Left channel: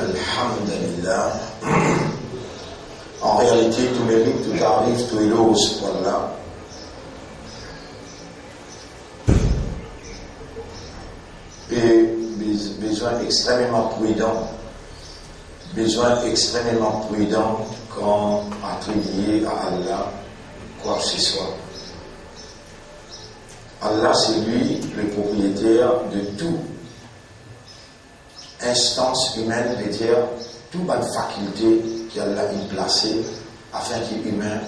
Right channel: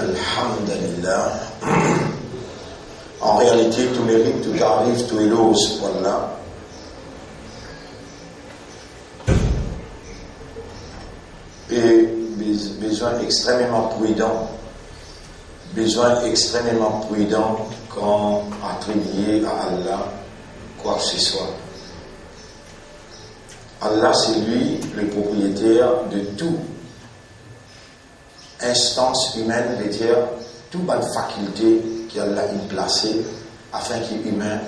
Alhamdulillah. En réalité, tout mérite, tout arrive, tout éloge pour Allah. Et besoin extrêmement prudent quand attribuer à Allah quoi que ce soit. Allah, c'est lui le propriétaire de tout instance humaine, veut dire toute bonne faculté qu'Allah a placée afin qu'il humain,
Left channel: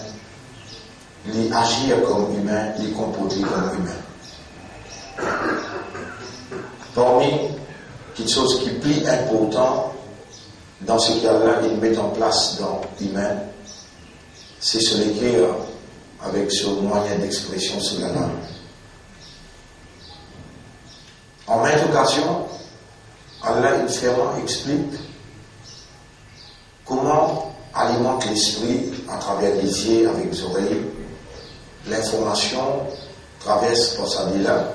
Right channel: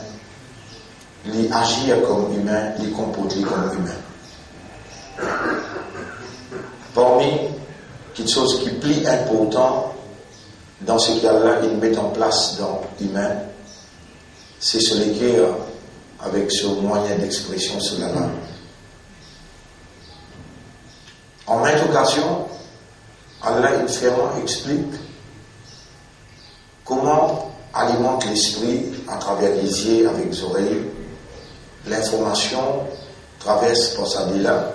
il agir comme humain, il comporter comme humain. Parmi quelque chose qui est plus important dans ce qu'Allah il met en place dans l'humain, c'est ce l'équerre avec ce moyen d'expression sur la langue. En maintes occasions, Allah il vraiment explique comment alimente l'esprit à travers les yeux, avec les oreilles. L'information traverse par sa là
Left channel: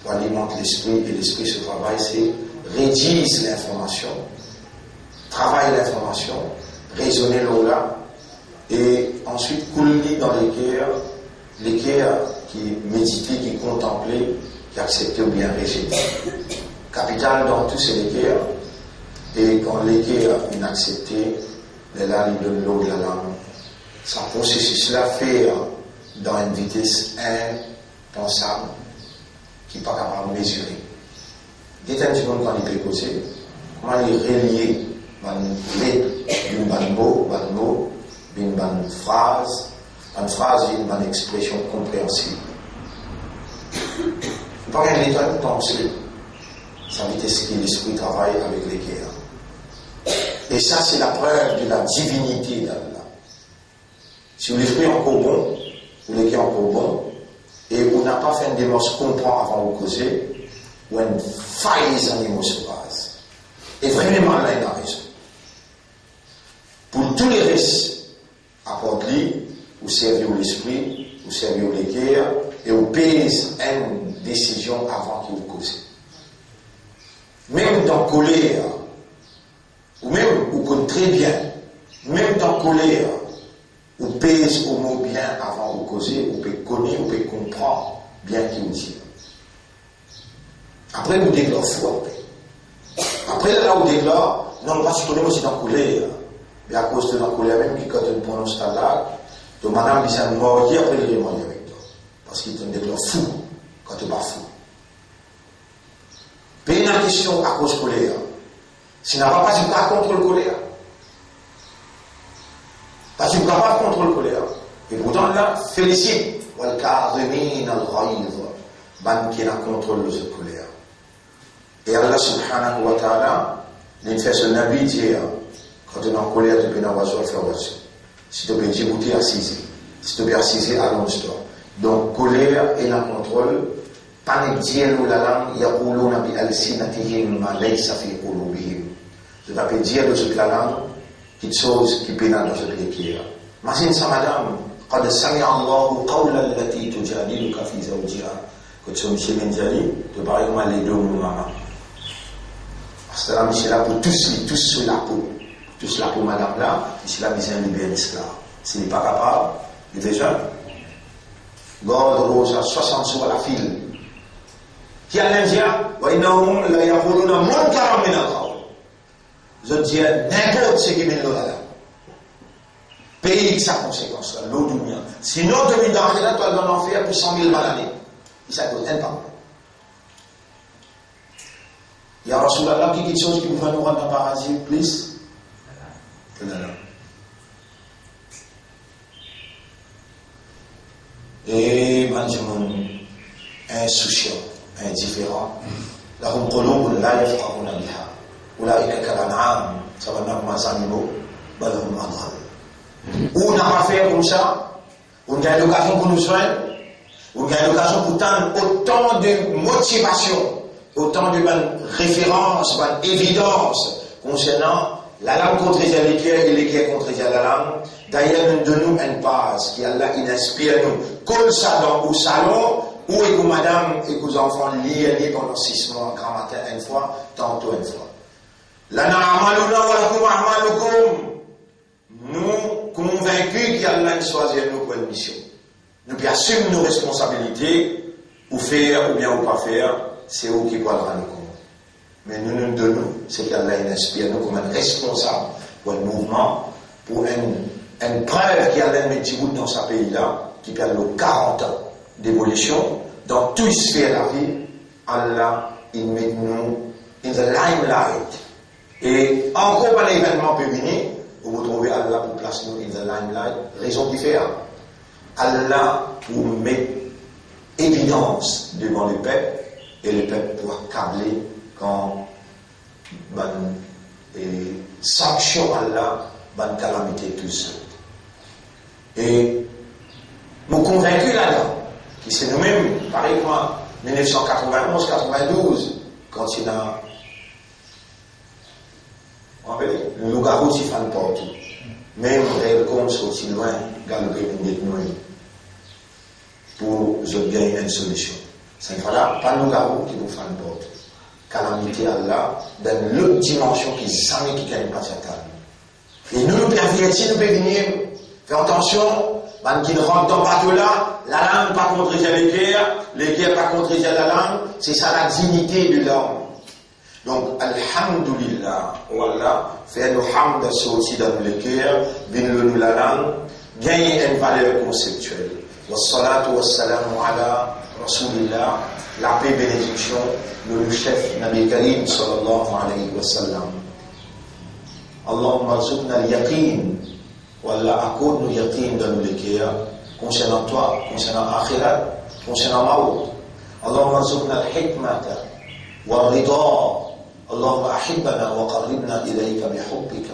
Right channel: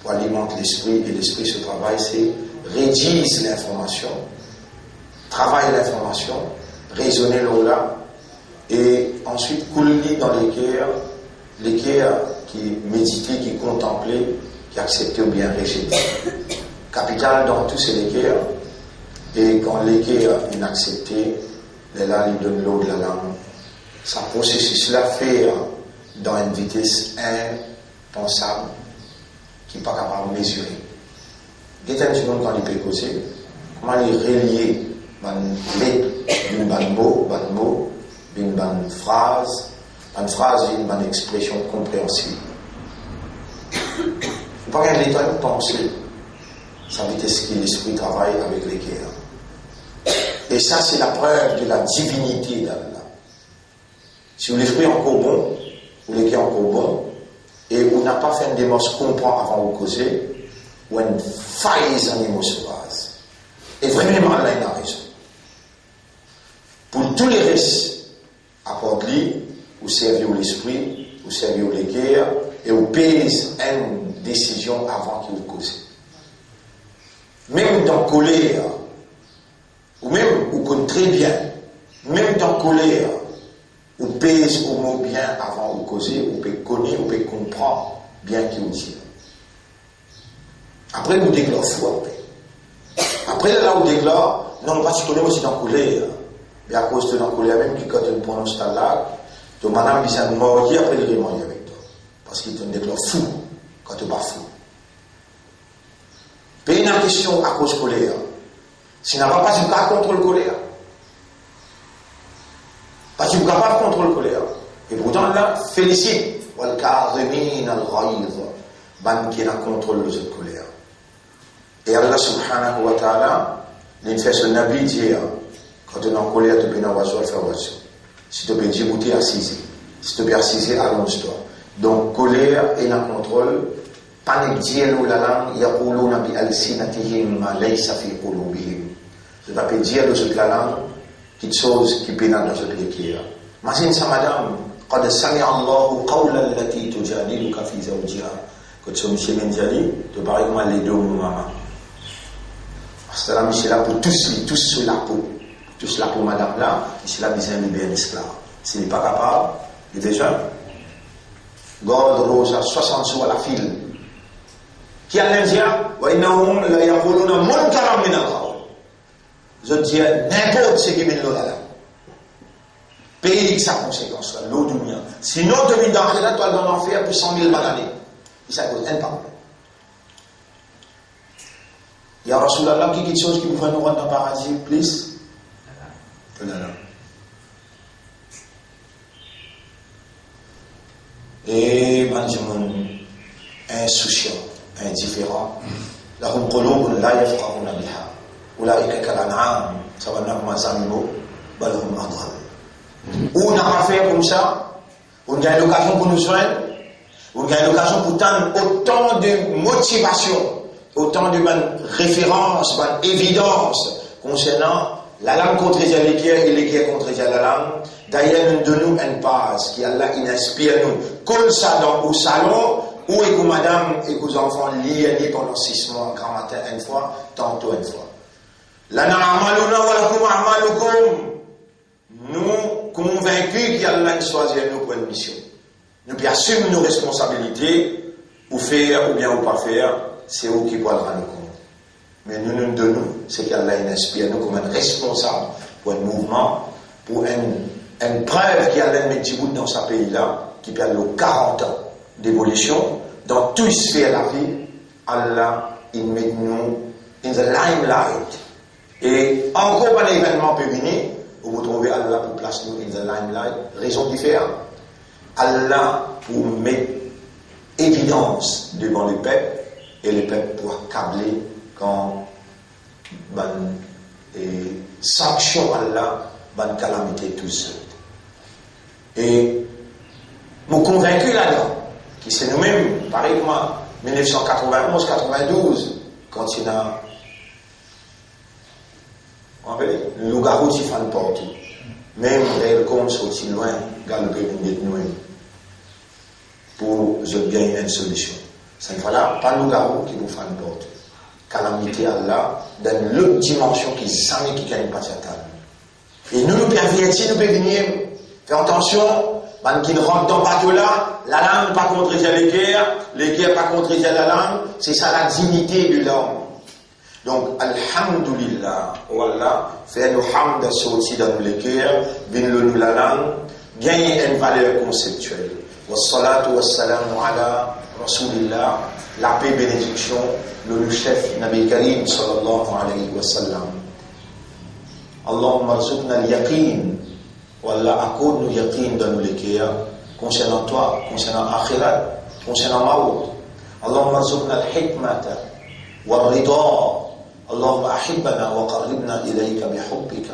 pour alimenter l'esprit, et l'esprit se travaille, c'est rédiger l'information, travailler l'information, raisonner là, et ensuite couler dans l'équerre qui méditait, qui contemplait, qui acceptait ou bien rejetait. Capital dans tous ces l'équerre, et quand l'équerre est inaccepté, là il donne l'eau de la langue. Ce processus-là fait dans une vitesse impensable qui n'est pas capable de mesurer. Dites un petit peu quand il peut causer, comment il relie d'une mot, d'une phrase, d'une expression compréhensible. Il ne faut pas qu'un état de pensée, ça veut dire que l'esprit travaille avec l'équerre. Et ça, c'est la preuve de la divinité d'Allah. Si l'esprit est encore bon, ou l'équerre est encore bon, et vous n'avez pas fait une démarche comprendre avant de causer, ou une faille en émotion base. Et vraiment, Allah il a raison. Pour tous les restes, accorde-lui, ou servir l'esprit, ou servir l'équerre, et ou pèse une décision avant qu'il cause. Même dans colère, ou même, ou connaît très bien, même dans colère, ou pèse au mot bien avant de causer, ou peut connaître, ou peut comprendre bien qu'il dit. Après, vous déclarez foi. Après, là, vous déclarez, non, pas si tu connais aussi dans colère. Mais à cause de la colère, même qui, quand tu prononces ta langue, ton madame, il s'est mordu, après, il est mort avec toi. Parce qu'il te déclare fou, quand tu n'es pas fou. Puis, une question à cause de colère. Si tu n'as pas du pas contre le colère. Parce que tu ne peux pas contre le colère. Et pourtant, là, félicite. Ban qui n'a contrôle de cette colère. Et Allah subhanahu wa ta'ala, il fait ce nabi dire, quand tu es en colère, tu peux n'avoir pas faire voiture. Si tu peux djibouter, assiser. Si tu peux assiser, allonge-toi. Donc, colère et la contrôle, pas dire la langue, yaquluna bi alsinatihim ma laysa fi qulubihim. Je t'appelle dire de cette la langue, quelque chose qui pénale dans cette l'équerre. Imagine ça, madame, قد سمع الله قولا التي تجادلك في زوجها. Quand tu es Michel Benjali, tu parles comme les deux mamans. Parce que là, Michel là pour tous sur la peau. Tous la peau, madame là, Michel là, besoin de libérer cela. S'il n'est pas capable, il est déjà. Gorge rose à 60 sous à la file. Qui a l'Indien, je dis n'importe ce qui mène là. Pays qui sa conséquence, l'eau du mien. Sinon, demi dans là, tu vas dans l'enfer pour 100 000 balles. Et ça cause un temps. Il y a Rasulallah qui dit quelque chose qui vous va nous rendre dans le paradis, plus. Et mangeons insouciant, indifférent. Lahum qulubun la yafqahuna biha. Ulaika kal'an'am, ça va nous rendre animaux, bal hum adhal. Ou n'a pas fait comme ça, on a l'occasion pour nous soigner, on a l'occasion pour autant de motivation, autant de références, d'évidence concernant la langue contre l'équerre et l'équerre contre la langue. D'ailleurs, nous donnons une base qui Allah inspire nous. Comme ça dans au salon, où est que madame et que les enfants lisent pendant 6 mois, grand matin une fois, tantôt une fois. Lana amaluna nous convaincus qu'Allah choisit nous pour une mission. Nous qui assumons nos responsabilités, ou faire ou bien ou pas faire, c'est eux qui vont le rendre compte. Mais nous donnons, c'est qu'Allah inspire nous comme un responsable pour un mouvement, pour une preuve qu'Allah met Djibouti dans ce pays-là, qui perd 40 ans d'évolution, dans toutes les sphères de la vie, Allah, il met nous in the limelight. Et encore par l'événement peut venir, vous trouvez Allah pour placer nous in the limelight, raison différente. Allah pour mettre évidence devant le peuple, et le peuple pour accabler quand sanction Allah, bonne calamité tout seul. Et nous convaincus là-dedans, qui c'est nous-mêmes, pareil comme en 1991-92, quand il y a le loup-garou qui fait le porte, même les comptes sont si loin, galoper nous pour gagner une solution. Ce n'est pas le loup-garou qui nous fait le porte. Calamité Allah, dans l'autre dimension qui jamais qui gagne pas cette table. Et nous pervertis, nous pouvons venir faire attention, qui ne rentre dans pas là, la langue pas contre les guerres pas contre la langue, c'est ça la dignité de l'homme. Donc, alhamdulillah, voilà, faire le hamd sorti dans le cœur, bien la langue, gagner une valeur conceptuelle. Wassalatu wassalamu ala rasulillah, la paix bénédiction, le chef Nabi Karim sallallahu alayhi wa sallam. Allahumma arzuqna al-yaqin, wallah accorde-nous yaqin dans le cœur, concernant toi, concernant akhirat, concernant maout. Allahumma arzuqna al-hikmata, wal-rida. اللهم أحبنا وقربنا إليك بحبك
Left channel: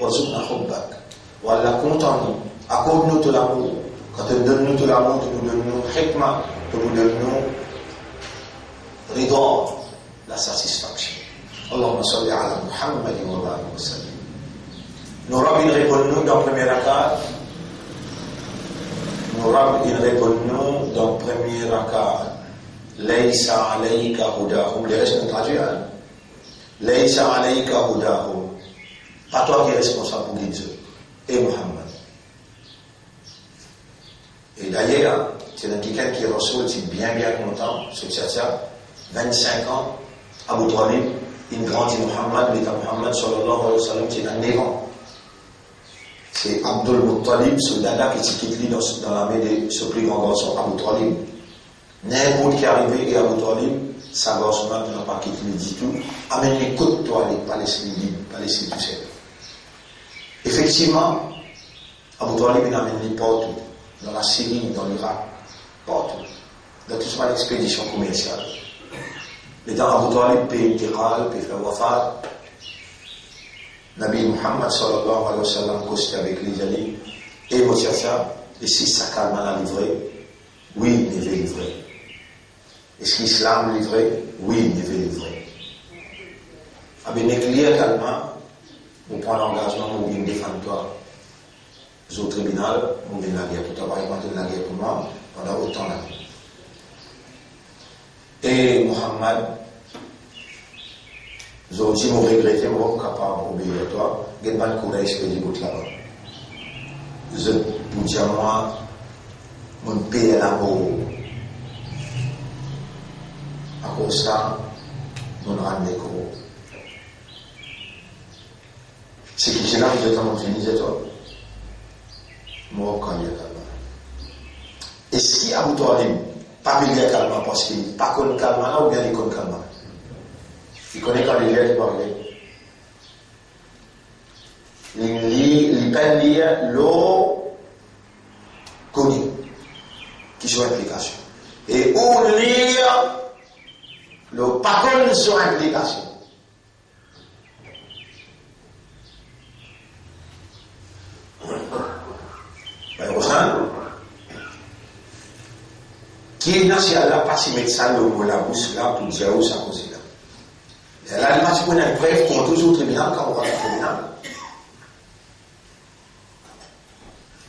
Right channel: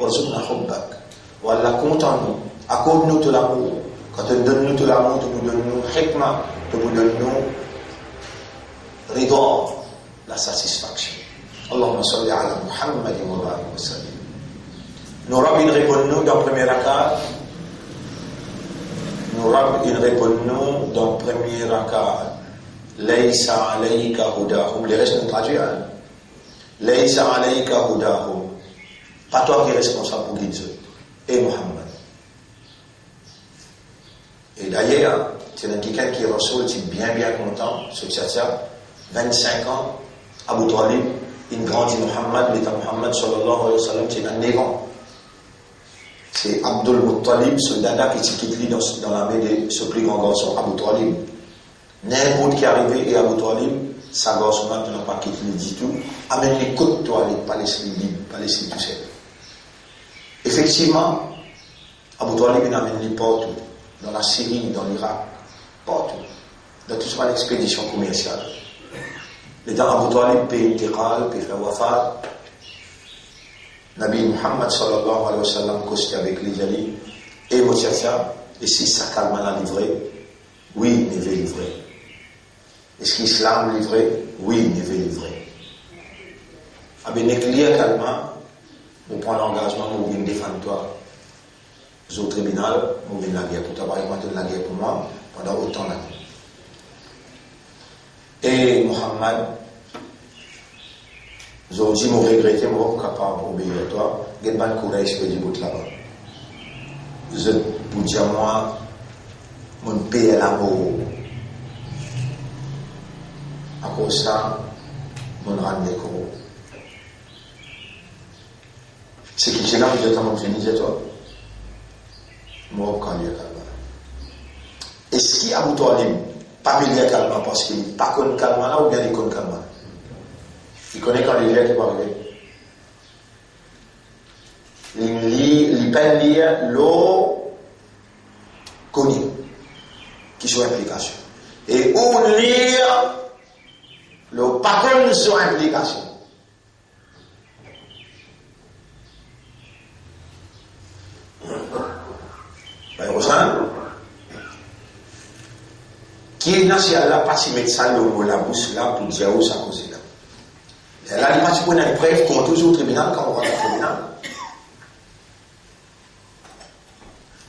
وارزقنا حبك والله content-nous, accorde-nous tout l'amour. Quand tu donnes nous tout l'amour, tu nous donnes nous hikma, tu nous donnes nous rida, la satisfaction. Allahumma salli ala Muhammad wa barik wa sallim. Nous rabbi répondons dans premier rakat. Nous rabbi répondons dans premier rakat. Laysa alayka hudahum. Les restes nous traduisent. Laysa alayka hudahum. Pas toi qui es responsable pour guider eux. Et Muhammad. Et d'ailleurs, c'est un quelqu'un qui reçoit bien content, ce tchatcha, 25 ans, Abu Talib, il grandit Muhammad, l'état Muhammad sallallahu alayhi wa sallam, c'est un néant. C'est Abdul Muttalib, soldat qui quitte dans l'armée de ce plus grand garçon, Abu Talib. N'importe qui est arrivé et Abu Talib, sa garçon n'a pas quitté du tout. Amène les côtes toi, les Palestiniens libres, Palestine tout seul. Effectivement, Abu Talib il amène les partout, dans la Syrie, dans l'Irak, partout. Dans toute une expédition commerciale. L'état Abu Talib peut intiqal, peut faire wafat. Nabi Muhammad sallallahu alayhi wa sallam costé avec les alliés. Et Motiacha, et si ça calme la livrée, oui, il veut livrer. Est-ce qu'Islam livré? Oui, il veut livrer. Avec les clients calmement, vous prenez l'engagement, vous venez défendre toi. Au tribunal, vous venez la guerre pour toi, par exemple, la guerre pour moi, pendant autant d'années. Et Muhammad, je vous dis, vous regrettez, je suis capable d'obéir à toi, je vais me courir, je vais dire, là-bas. Je vous dis à moi, mon pays est l'amour. À cause de ça, mon rang d'écho. C'est que j'ai là, je vais me finir, toi. Moi, quand il y a calme. Est-ce qu'il y a Abu Talib, pas il y a calme parce qu'il n'est pas connu calme là ou bien il connaît calme? Il connaît quand il y a qui parle. Il peut lire l'eau connue qui sont implication. Et où lire le pas connu sur implication. Qui est national là, pas si mettre ça le mot la bouche là pour dire où ça cause là. Là, il m'a dit qu'on a une preuve qu'on toujours au tribunal quand on va au tribunal.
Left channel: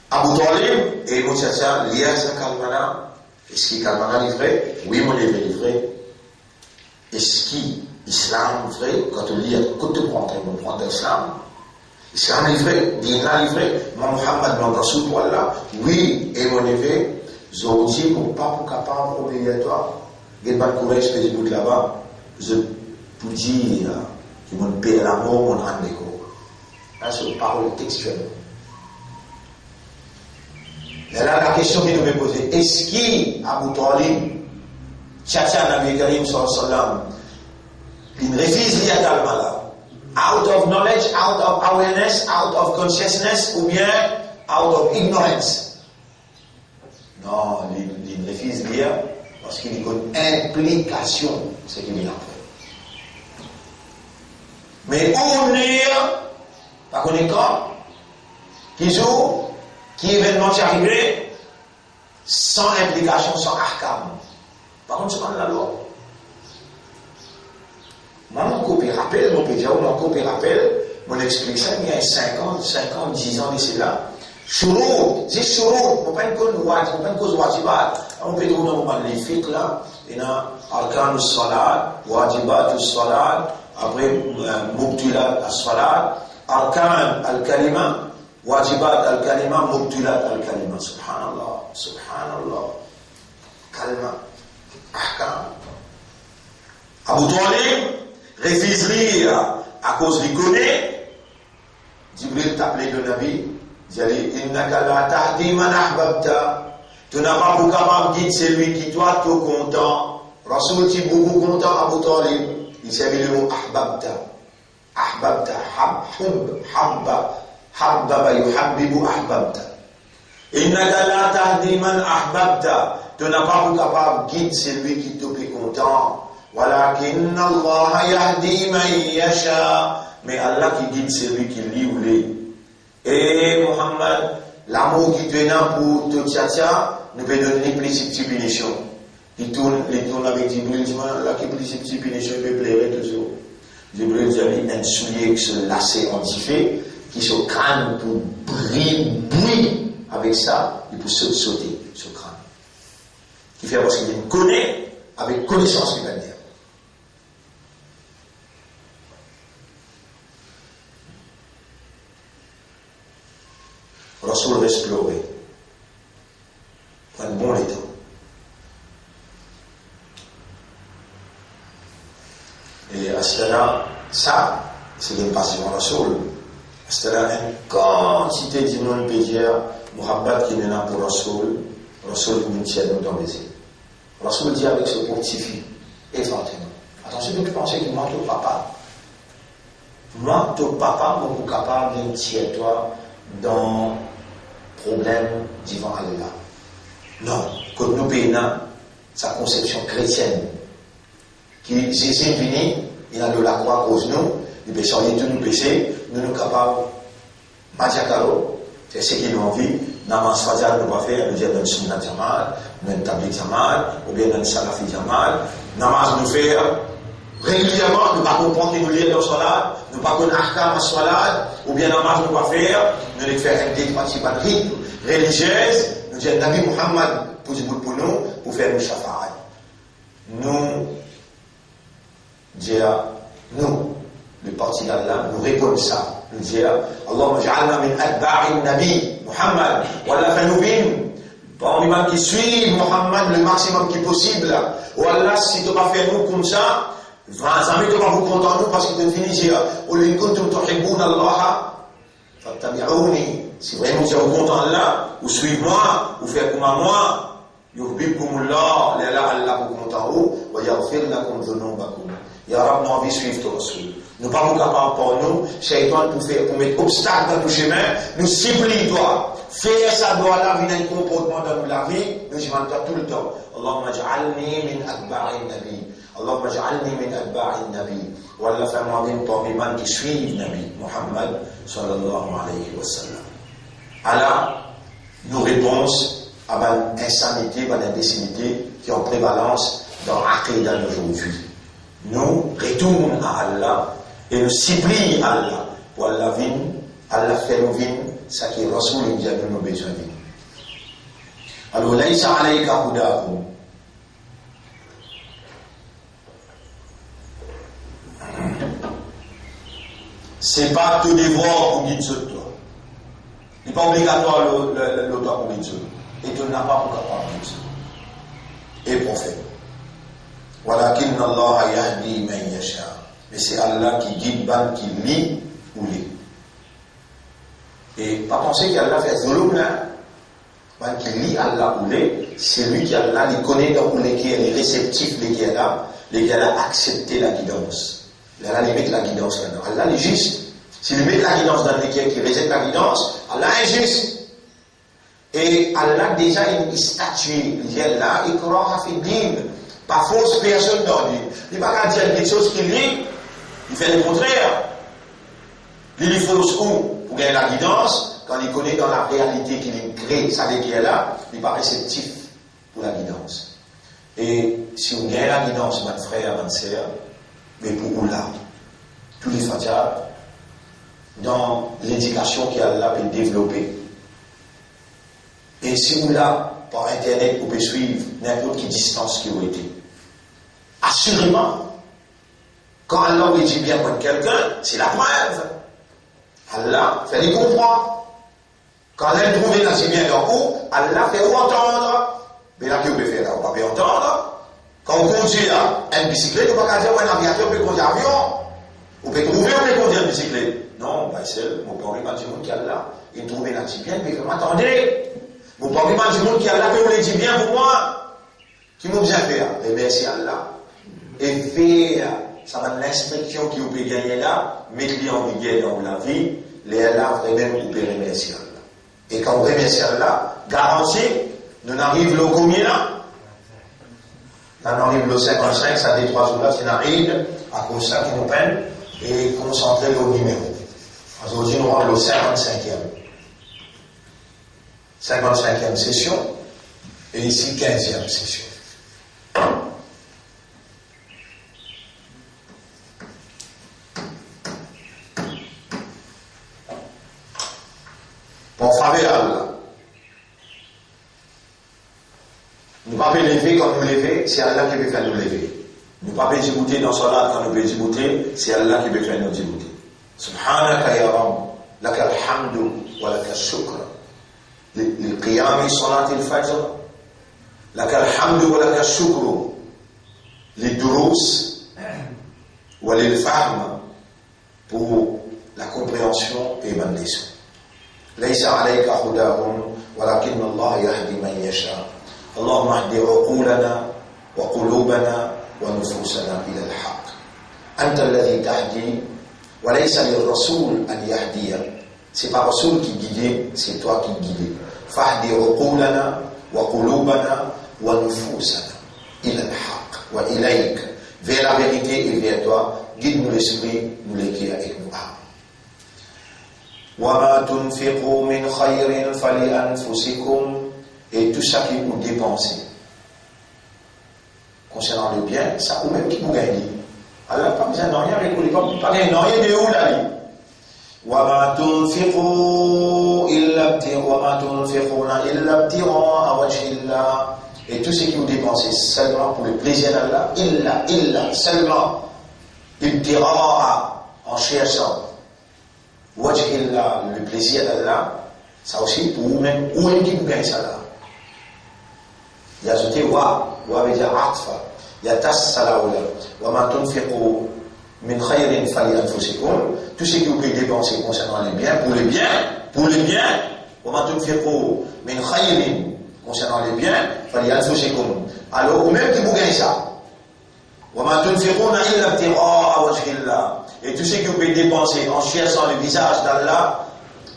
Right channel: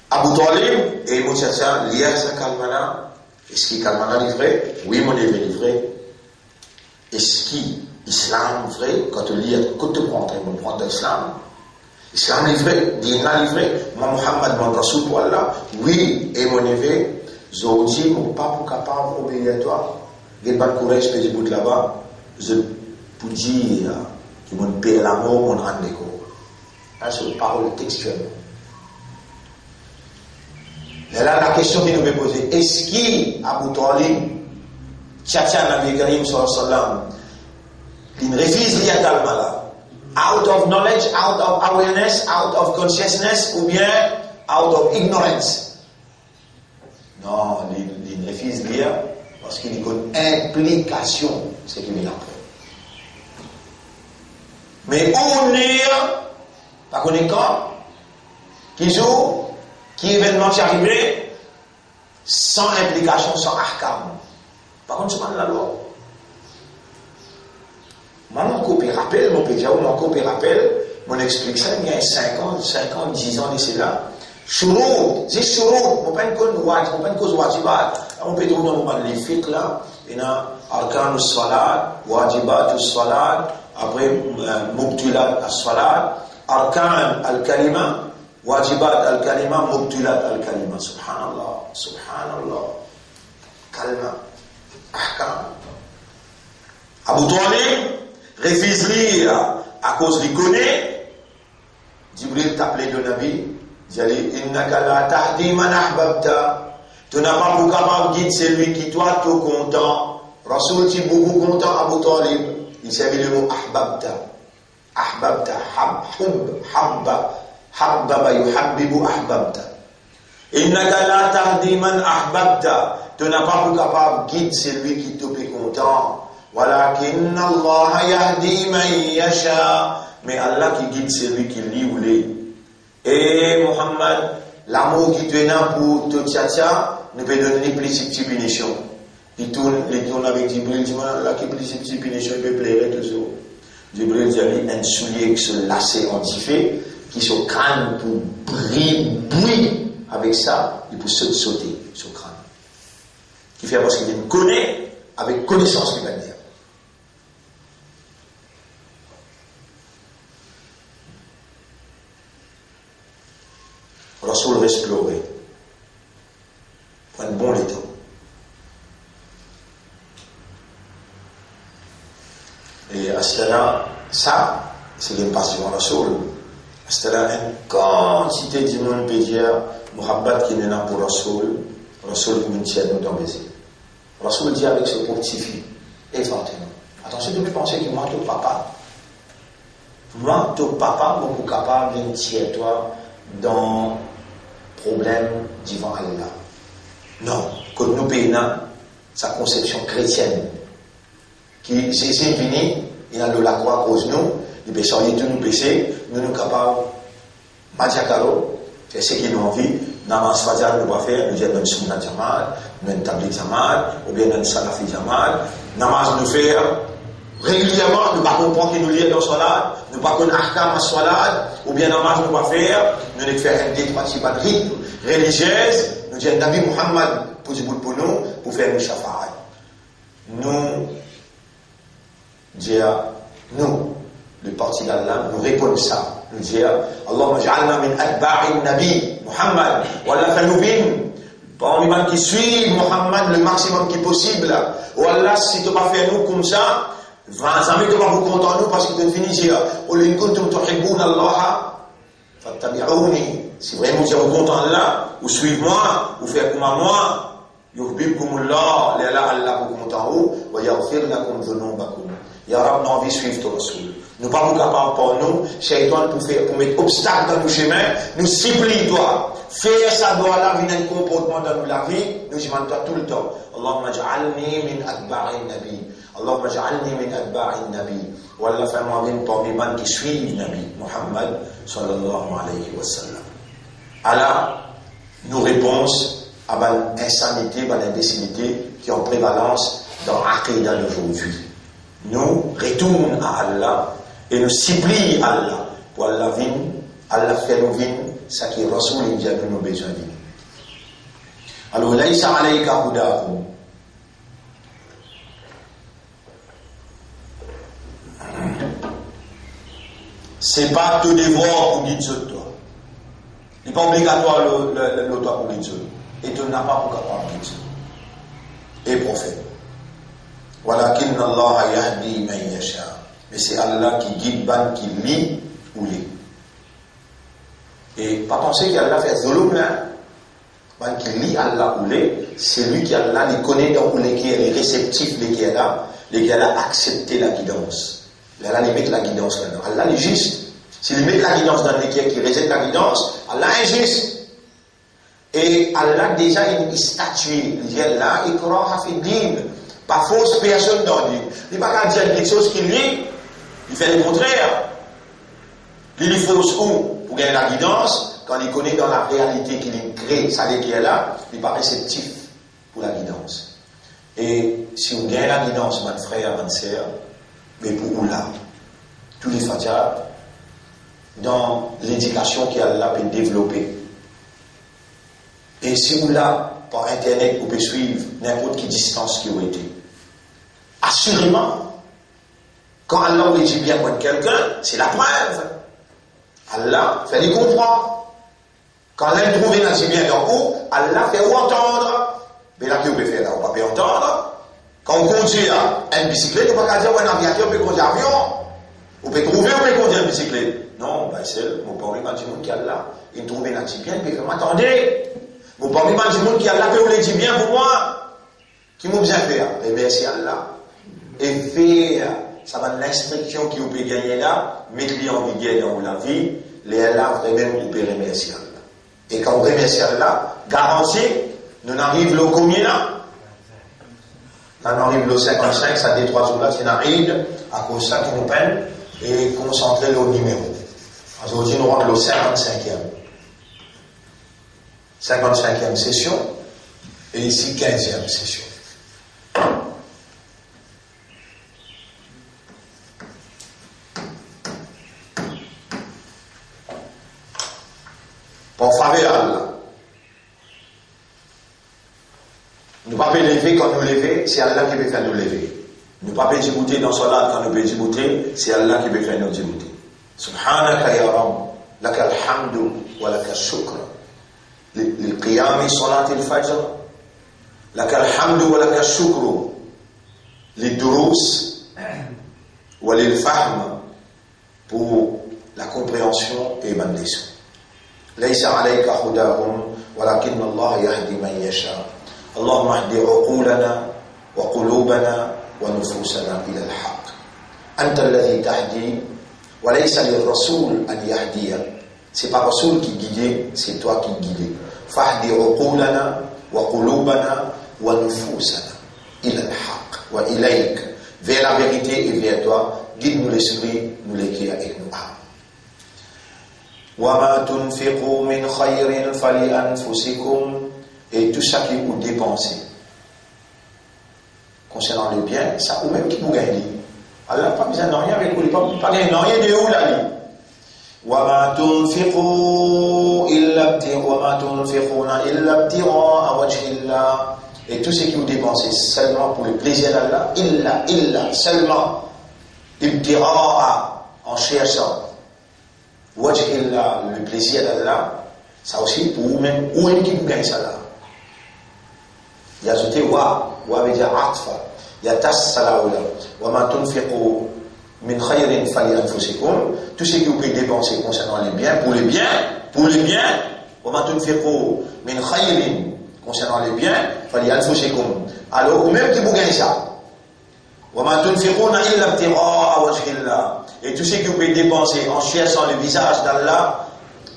Abu Talib et Moussa, l'IA, ça Kalmana. Est-ce qu'il Kalmana livré? Oui, mon livre livré. Est-ce qu'il Islam vrai? Quand tu lis, quand tu prends l'islam, C'est un livré, il a livré. Moi, Muhammad, mon Rasoul, voilà. Oui, et mon évêque, je dis, mon pas pour capable d'obéir à toi. Il n'y a pas de courage, je peux dire là-bas. Je peux dire que mon père l'amour, mon rendez-vous. Là, c'est une parole textuelle. Et là, la question qui nous est posée, est-ce qu'il, Abu Talib, Tchatcha Nabi Karim sallam, il refuse rien là, out of knowledge, out of awareness, out of consciousness, ou bien out of ignorance? Non, il refuse rien parce qu'il y a une implication, ce qui vient après. Mais on est, par contre, qui joue, qui événement qui arriverait sans implication, sans ahkam. Par contre, c'est la loi. Moi, mon copie rappel, mon pédia ou mon copie rappel, mon explique ça il y a 5 ans, 10 ans d'ici là. Shurut, c'est shurut, on pas une cause wajibat. On peut trouver dans les fiqh là, il y a arkan as-salat, wajibat as-salat, après mubtilat as-salat, arkan al-kalima, wajibat al-kalima, mubtilat al-kalima. Subhanallah, subhanallah. Kalma, ahkam. Abu Talib refuse lire à cause du connaît. Jibril t'appelait de Nabi. Il dit innaka la tahdi man ahbabta. Tu n'as pas pour capable de guider celui qui toi tout content. Rasoul t'es beaucoup content Abu Talib. Il savait le mot ahbabta. Ahbabta, habba yuhabbibu ahbabta. Innaka la tahdi man ahbabta. Tu n'as pas pour capable de guider celui qui tout est content. Walakin Allah yahdi man yasha. Mais Allah qui guide celui qui lit ou lit. Et Muhammad, l'amour qui te donne pour tout tcha ne peut donner plus de punition. Il tourne avec Jibril, il dit, là qui plus de punition, il peut plaire toujours. Jibril dit, un soulier qui se lassait en tifé, qui se crâne pour briller avec ça, il peut sauter sur le crâne. Qui fait parce qu'il connaît, avec connaissance qu'il va dire. Rasoul explorer. Un bon état. Et à cela, ça, c'est une passion Rasoul. À cela, une quantité de monde peut dire, Muhammad qui est là pour Rasoul, Rasoul qui nous tient dans le baiser. Rasoul dit avec ce petit-fils, effectivement. Attention, de penser que moi, ton papa, beaucoup capable de tirer toi dans problème devant Allah. Non, quand nous payons sa conception chrétienne, qui Jésus est venu, il a de la croix à cause de nous, il peut sortir tous nos péchés, nous sommes capables, Madiakaro, c'est ce qu'il a envie, Namas Fadjal nous va faire, nous disons Sunna Jamal, nous Tabli Jamal, ou bien nous Salafi Jamal, Namas nous faire régulièrement, nous ne pas comprendre qu'il nous lit dans Salat, nous ne pas connaître Ahkam à Salat, ou bien Namas nous va faire, nous ne faire un département de rite religieuse, nous disons Nabi Muhammad pour nous, pour faire nos shafa'at. Nous, dire, nous, le parti d'Allah, nous répondons ça. Nous dire, Allahumma ja'alna min atba'in Nabi Muhammad, wallah fanubin, parmi les qui suivent Muhammad le maximum qui est possible. Ou Allah, si tu ne pas faire nous comme ça, jamais tu vas vous contenter nous parce que tu finis dire, Qul in kuntum tuhibbuna Allah, fattabi'uni. Si vraiment vous êtes content Allah, ou suivez-moi, ou faites comme moi, yuhbibkumullah, Allah vous content vous, wa yaghfir lakum dhunubakum. Ya Rab, nous envie de suivre ton Rasoul. Nous ne pas nous capables pour nous, Shaitan pour mettre obstacle dans nos chemins, nous supplie toi. Fais ça doit là, venir un comportement dans la vie, nous demandons toi tout le temps. Allahumma ja'alni min atba'in nabi. Allahumma ja'alni min atba'in nabi. Wallah, fais-moi une parmi les qui suivent Nabi Muhammad sallallahu alayhi wa sallam. Alors, nos réponses à l'insanité, à l'imbécilité qui ont prévalence dans l'Aqidah d'aujourd'hui. Nous retournons à Allah et nous supplions Allah pour Allah vienne, Allah fait nous vienne, ça qui est Rasoul India de nos besoins. Alors, laïsa alayka hudahum. c'est pas te devoir pour guider toi. Il n'est pas obligatoire le toi pour guider. Et tu n'as pas pour capable de guider. Et prophète. Walakin Allah yahdi man yasha. Mais c'est Allah qui guide ban qui lit ou lit. Et pas penser qu'Allah fait zulum là. Ban qui lit Allah ou lit, c'est lui qui Allah, il connaît donc qui est réceptif, les qui est là a accepté la guidance. Allah il met la guidance là-dedans. Allah est juste. S'il met la guidance dans les qui rejette la guidance, Allah est juste. Et Allah déjà il statue, il dit là, ikraha fi din. Pas fausse personne dans lui. Il ne va pas dire quelque chose qu'il lit, il fait le contraire. Il est fausse où? Pour gagner la guidance, quand il connaît dans la réalité qu'il crée, ça qui est là, il n'est pas réceptif pour la guidance. Et si on gagne la guidance, mon frère, mon sœur, mais pour là, tous les fatihas, dans l'éducation qu'Allah peut développer. Et si vous là, par internet, vous pouvez suivre n'importe quelle distance qui a été. Assurément, quand Allah vous dit bien contre quelqu'un, c'est la preuve. Allah fait les comprendre. Quand l'un trouve un si bien dans vous, Allah fait vous entendre. Mais là, que vous pouvez faire là, vous ne pouvez pas entendre. Quand vous conduisez une bicyclette, vous ne pouvez pas dire un aviateur peut conduire un avion. Vous pouvez trouver, vous pouvez conduire une bicyclette. Non, ben c'est mon père, il m'a dit qu'il y a là. Il trouve un si bien, mais comment attendez? Mon père, il m'a dit qu'il y a là, que vous le dites bien pour moi. Qui m'a bien fait? Et merci Allah. Et faire, ça va l'instruction qui vous peut gagner là, mes clients qui gagnent dans la vie, les là, vraiment, vous pouvez remercier Allah. Et quand vous remerciez Allah, garantie, nous arrivons au combien là? On arrive le 55, ça dit 3 jours là, c'est arrive, à cause de ça qui nous prennent, et concentrer le numéro. Aujourd'hui, nous rentrons le 55e session, et ici 15e session. Pour faveur Allah. Nous ne pouvons pas lever quand nous lever, c'est Allah qui veut faire nous lever. Nous ne pouvons pas débouter dans salat quand nous pouvons débouter, c'est Allah qui veut faire nous débouter. Subhanaka ya Rabb, laka alhamdu wa laka shukr. للقيام صلاة الفجر لك الحمد ولك الشكر للدروس وللفهم pour la compréhension et bonne leçon. ليس عليك هداهم ولكن الله يهدي من يشاء. اللهم اهد عقولنا وقلوبنا ونفوسنا إلى الحق. أنت الذي تهدي وليس للرسول أن يهدي. C'est pas Rasoul qui guide, c'est toi qui guides. Fahdi uqulana wa qulubana wa nufusana ila al-haq wa ilayk. Vers la vérité et vers toi, guide-nous l'esprit, nous l'éclaire avec nous âmes. Wa ma tunfiqu min khayrin fali anfusikum. Et tout ça qui vous dépensez concernant le bien, ça ou même qui vous gagne. Allah pas besoin de rien avec vous, pas gagner rien de où là. وما تنفقون إلا ابتغاء وجه الله. Et tout ce que vous dépensez seulement pour le plaisir d'Allah, illa, seulement ibtira'a, en cherchant wajh Allah, le plaisir d'Allah, ça aussi pour vous-même, où est-ce que vous gagnez ça là? Il y a ajouté wa veut dire atfa, il y a tas salaoula, wa ma tunfiqu min khayrin fali anfusikum. Tout ce que vous pouvez dépenser concernant les biens, pour les biens, wa ma tunfiqu min khayrin, concernant les biens, fali anfusikum. Alors, ou même qui vous gagnez ça. Wa ma tunfiquna illa ibtigha'a wajhillah. Et tout ce que vous pouvez dépenser en cherchant le visage d'Allah,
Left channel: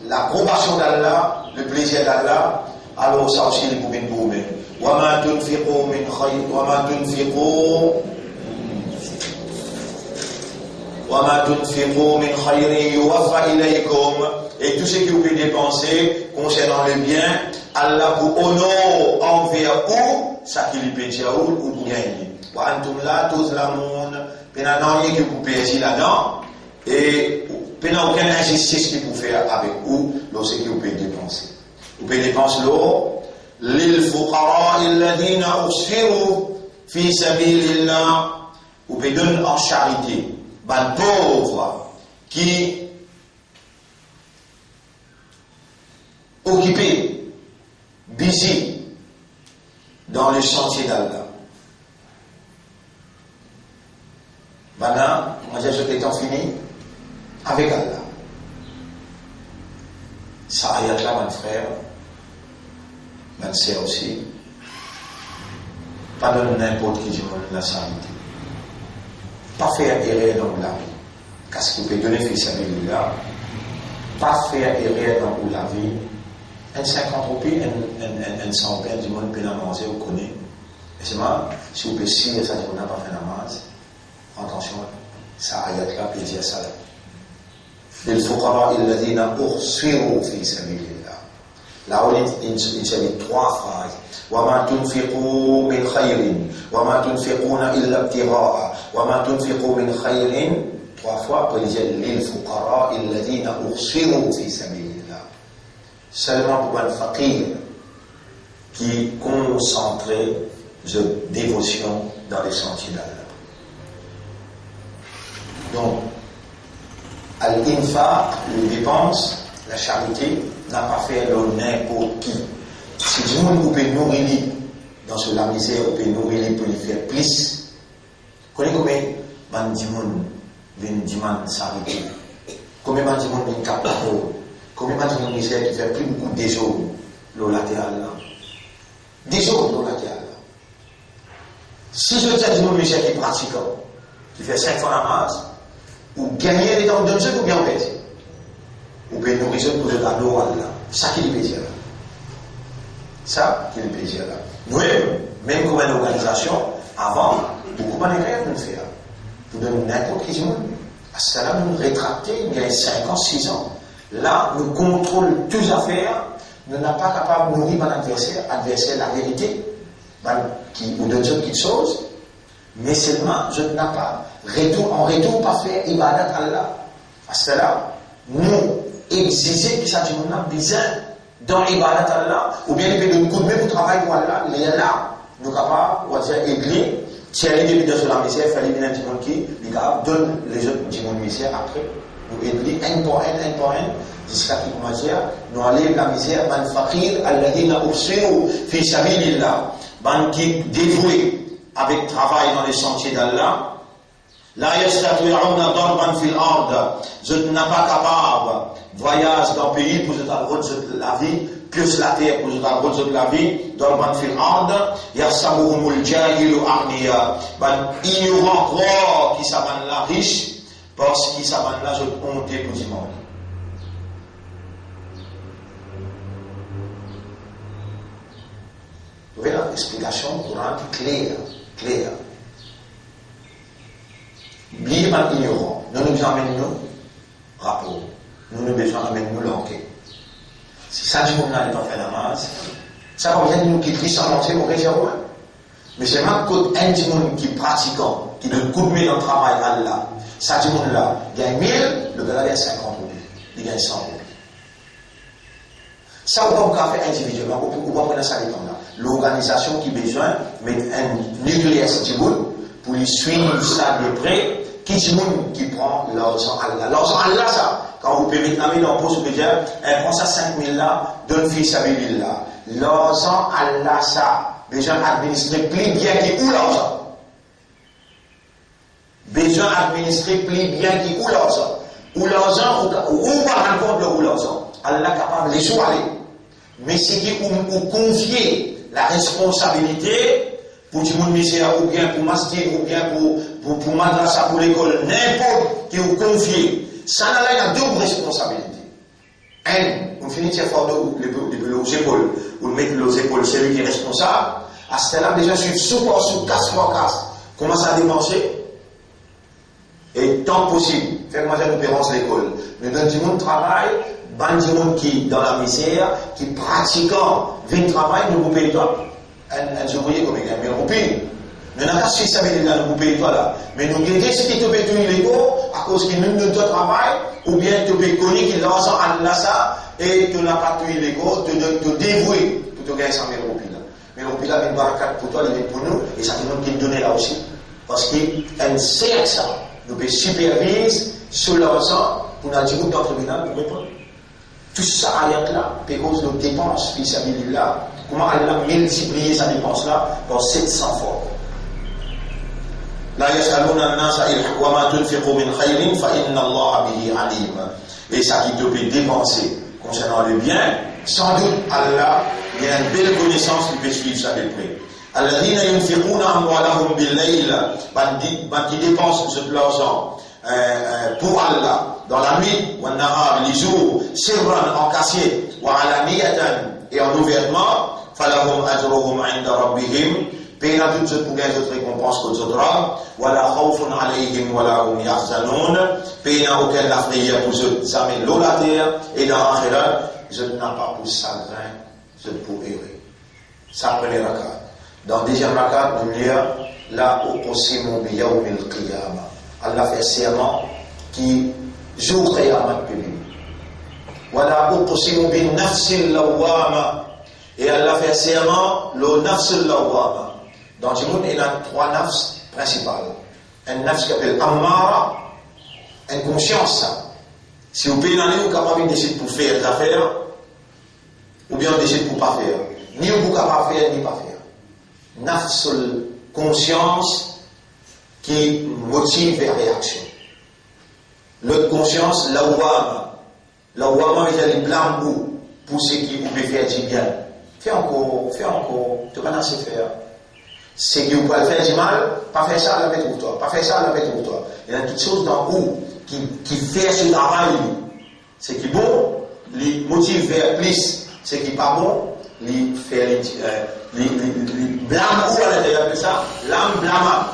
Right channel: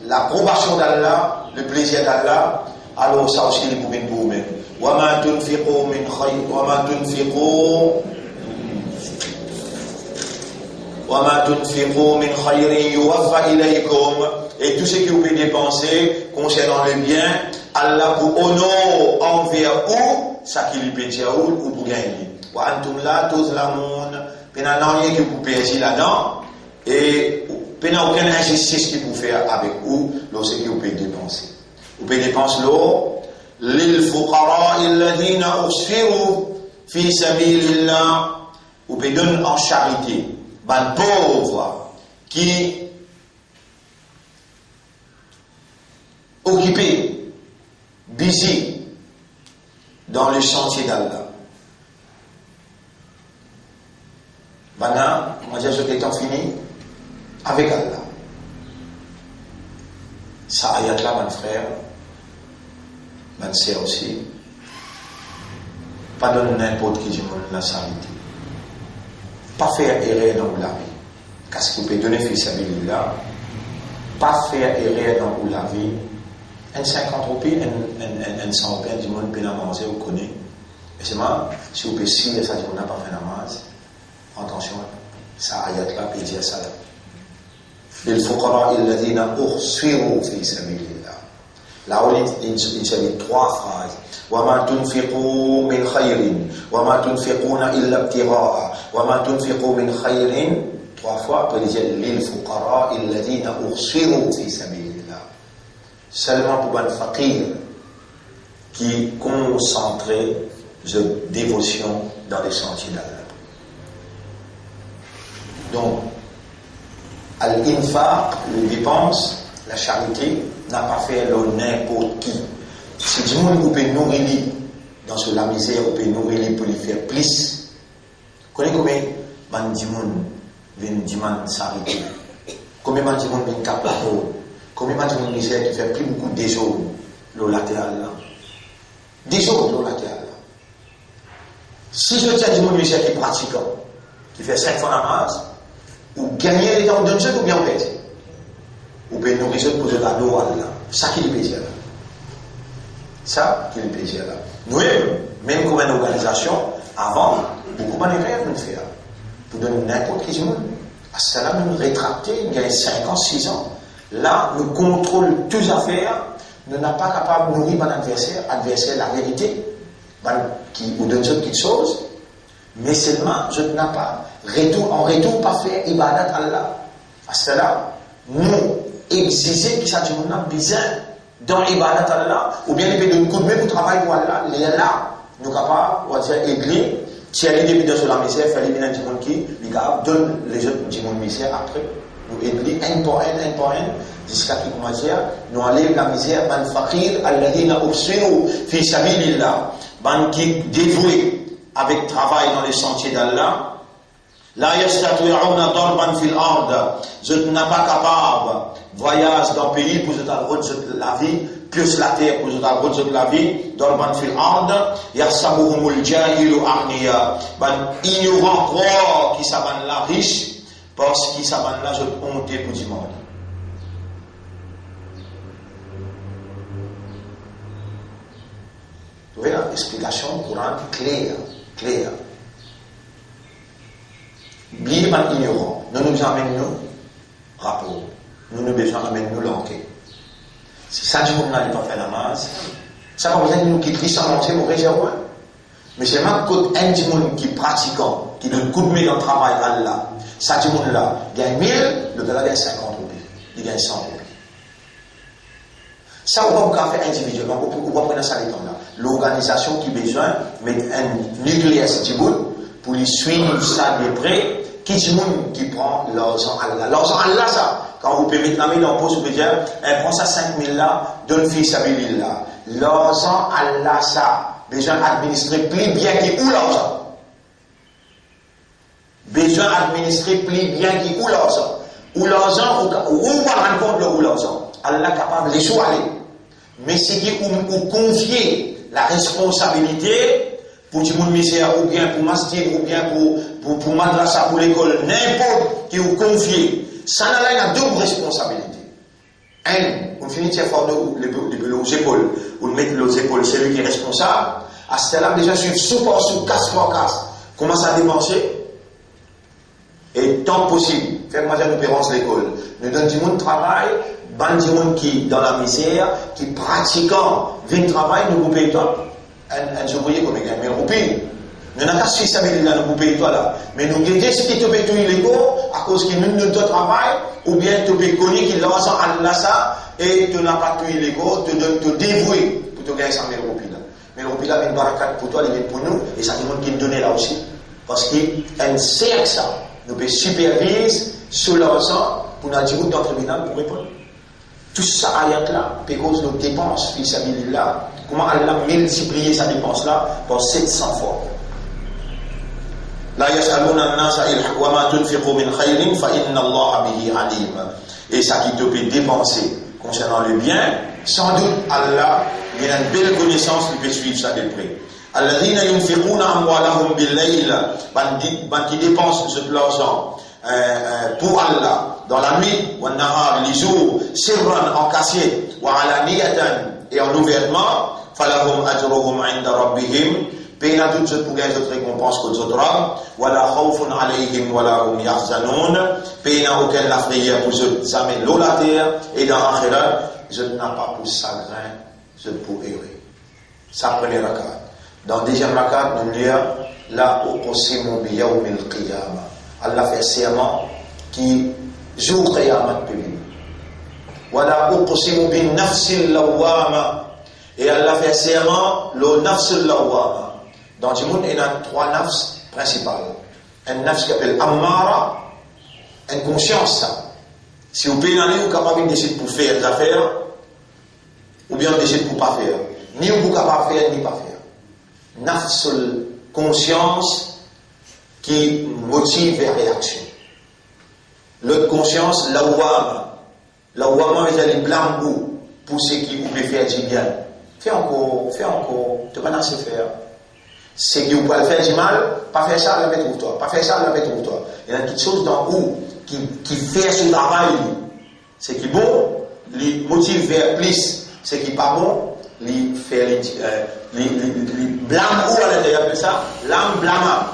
l'approbation d'Allah, le plaisir d'Allah, alors ça aussi, vous pouvez vous-même. Wa ma tunfiqu min khayrin, wa ma tunfiqu وَمَا تُنْفِقُوا مِنْ خَيْرٍ يُوَفَّ إِلَيْكُمْ. Et tout ce que vous pouvez dépenser concernant le bien, Allah vous honore envers vous, ça qui lui peut dire ou pour gagner. وَأَنْتُمْ لَا تُظْلَمُونَ. Pénal rien que vous payez là-dedans, et pénal aucune injustice qui vous fait avec vous, lorsque vous pouvez dépenser. Vous pouvez dépenser l'eau, لِلْفُقَرَاءِ الَّذِينَ أُحْصِرُوا فِي سَبِيلِ اللَّهِ. Vous pouvez donner en charité. Ban pauvre qui occupé, busy dans le sentier d'Allah. Maintenant, on va dire ce qui est fini avec Allah. Ça ayat-là, mon frère, ma sœur aussi, pas donner n'importe qui du monde la santé. Pas faire erreur dans la vie. Qu'est-ce qu'il peut donner fils à là? Pas faire erreur dans la vie. Un 50 roupies, un 100 du monde peut la manger, vous connaissez. Et c'est moi, si vous pouvez signer ça, on n'a pas fait la masse. Attention, ça ayat-là peut dire ça. للفقراء الذين أحصروا في سبيل الله. Là où il s'agit de 3 phrases. وما تنفقوا من خير وما تنفقون إلا ابتغاء وما تنفقوا من خير 3 fois pour dire للفقراء الذين أحصروا في سبيل الله. Seulement pour un fakir qui concentrait de dévotion dans les sentiers d'Allah. Donc, Al-Infaq, les dépenses, la charité, n'a pas fait n'importe qui. Si du monde peut nourrir dans la misère, on peut nourrir pour lui faire plus. Connaissez combien de monde vient demander s'arrêter? Combien de monde vient capable? Combien de monde misère qui fait plus beaucoup de jours le latéral là? Des jours le latéral là. Si je tiens du monde misère qui est pratiquant, qui fait 5 fois la masse, ou gagner les temps d'un jeu ou bien en fait. Ou bien nous résoudre pour le tableau là. Ça qui est le plaisir là. Ça qui est le plaisir là. Nous, même comme une organisation, avant, beaucoup de manières de le faire. Pour donner n'importe qui monde. À ce là nous rétracter, il y a 5 ans, 6 ans. Là, nous contrôlons toutes les affaires. Nous n'sommes pas capables de nourrir mon adversaire la vérité, ou d'une autre chose. Mais seulement, je n'ai pas en retour pas faire ibadat Allah. À cela, nous exiger que ça dit nous besoin dans ibadat Allah, ou bien il peut nous coup de main pour travailler pour Allah. Il est là, nous capables, on va dire église, tiens les débuts de la misère, faire les minutes du monde qui, les gars, donne les autres du monde misère après. Nous église un par un, jusqu'à qu'il commence à nous enlève la misère, man fakir, alladhina ubsiru fi sabilillah, man qui dévoué avec travail dans les sentiers d'Allah. La yastati'una darban fil ard. Je n'ai pas capable voyage dans le pays pour je la vie, plus la terre pour je la vie, darban fil ard. Yasabuhumul jahilu aghniya. Ignorant croit qui s'abanent la riche parce qu'ils s'abanent là je honte pour du monde. Vous voyez l'explication courante claire. Bien mal ignorant, nous nous amènons nous rapport, nous nous besoin d'amener nous l'enquête. Si ça du monde n'allait pas faire la masse, ça va besoin de nous quitter sans lancer au réservoir. Mais c'est même qu'un du monde qui pratiquant, qui donne coup de main dans le travail Allah, ça du monde là, gagne 1000, le gars gagne 50 roupies, il gagne 100 roupies. Ça, on va pas faire individuellement, on va prendre ça les temps là. L'organisation qui a besoin de mettre un nucléaire du monde pour lui suivre ça de près, qui est le monde qui prend l'argent Allah. L'argent Allah, ça, quand vous pouvez mettre la main dans le poste, vous pouvez dire, prends ça 5 000 là, donne fils à là. L'argent Allah, ça, besoin d'administrer plus bien qui où l'argent. Besoin d'administrer plus bien qui où l'argent. Où l'argent, où va rendre compte où l'argent. Allah est capable de les choisir. Mais c'est qui vous confier la responsabilité pour du monde misère, ou bien pour masjid, ou bien pour madrasa, pour l'école, n'importe qui vous confie. Ça n'a pas double responsabilité. On finit de faire les épaules, ou de mettre les épaules, c'est lui qui est responsable. À ce là déjà, je suis sous casse par casse. Commence à dépenser. Et tant possible, faire manger nos parents à l'école. Nous donnons du monde travail, du monde qui dans la misère, qui pratiquant, vient travail, nous vous payons toi. Un ouvrier comme il gagne 1000 roupies. Nous n'avons pas su ça, nous vous payons toi là. Mais nous guettons ce qui te paye tout illégaux, à cause qu'il nous donne travail, ou bien te paye connu qu'il l'argent à l'assa, et tu n'as pas tout illégaux, te dévouer pour te gagner 100 000 roupies là. Mais roupies là, une barricade pour toi, il est pour nous, et ça tout le monde qui nous donne là aussi. Parce qu'un sait ça. Nous pouvons superviser sur l'argent pour nous dire dans le tribunal pour répondre. Tout ça, ayat-là, cause de dépenses, là. Comment Allah a multiplié sa dépense-là par 700 fois. La yas'aluna an-nasa wa ma tunfiqu min khairin fa inna Allah bihi alim. Et ça qui te peut dépenser concernant le bien, sans doute Allah, il y a une belle connaissance qui peut suivre ça de près. Alladhina yunfiquna amwalahum bil-layl, qui dépensent de l'argent pour Allah dans la nuit, wa nahar, les jours, sirran en cachette, wa alaniyatan et en ouvertement, falahum ajruhum 'inda rabbihim, payna toutes ces pour gagner d'autres récompenses qu'aux autres hommes, wala khawfun 'alayhim wala hum yahzanun, payna aucun la frayeur pour eux, ça met l'eau la terre et dans l'akhirat, je n'ai pas pour chagrin, je pour errer. Ça prenait la carte. Dans le deuxième rakat, nous lisons la uqsimu bi yawmil qiyamah. Allah fait serment qui jour qiyamah public. Wala uqsimu bin nafsil lawwama. Et Allah fait serment le nafsil lawwama. Dans le monde, il y a 3 nafs principales. Un nafs qui s'appelle ammara, une conscience. Si vous payez l'année, vous êtes capable de décider pour faire des affaires, ou bien décider pour ne pas faire. Ni vous êtes capable de faire, ni pas faire. Nafsul conscience qui motive les réactions. L'autre conscience, lawwama. Lawwama veut dire les blâmes pour ceux qui vous pouvez faire du bien. Fais encore, tu vas pas assez faire. C'est que vous pouvez faire du mal, pas faire ça, la mettre pour toi. Pas faire ça, la mettre pour toi. Il y a quelque chose dans vous qui fait ce travail. C'est qui est bon, les motive vers plus. C'est qui n'est pas bon, les fait les blâme ou à l'intérieur de ça, l'âme blâmable.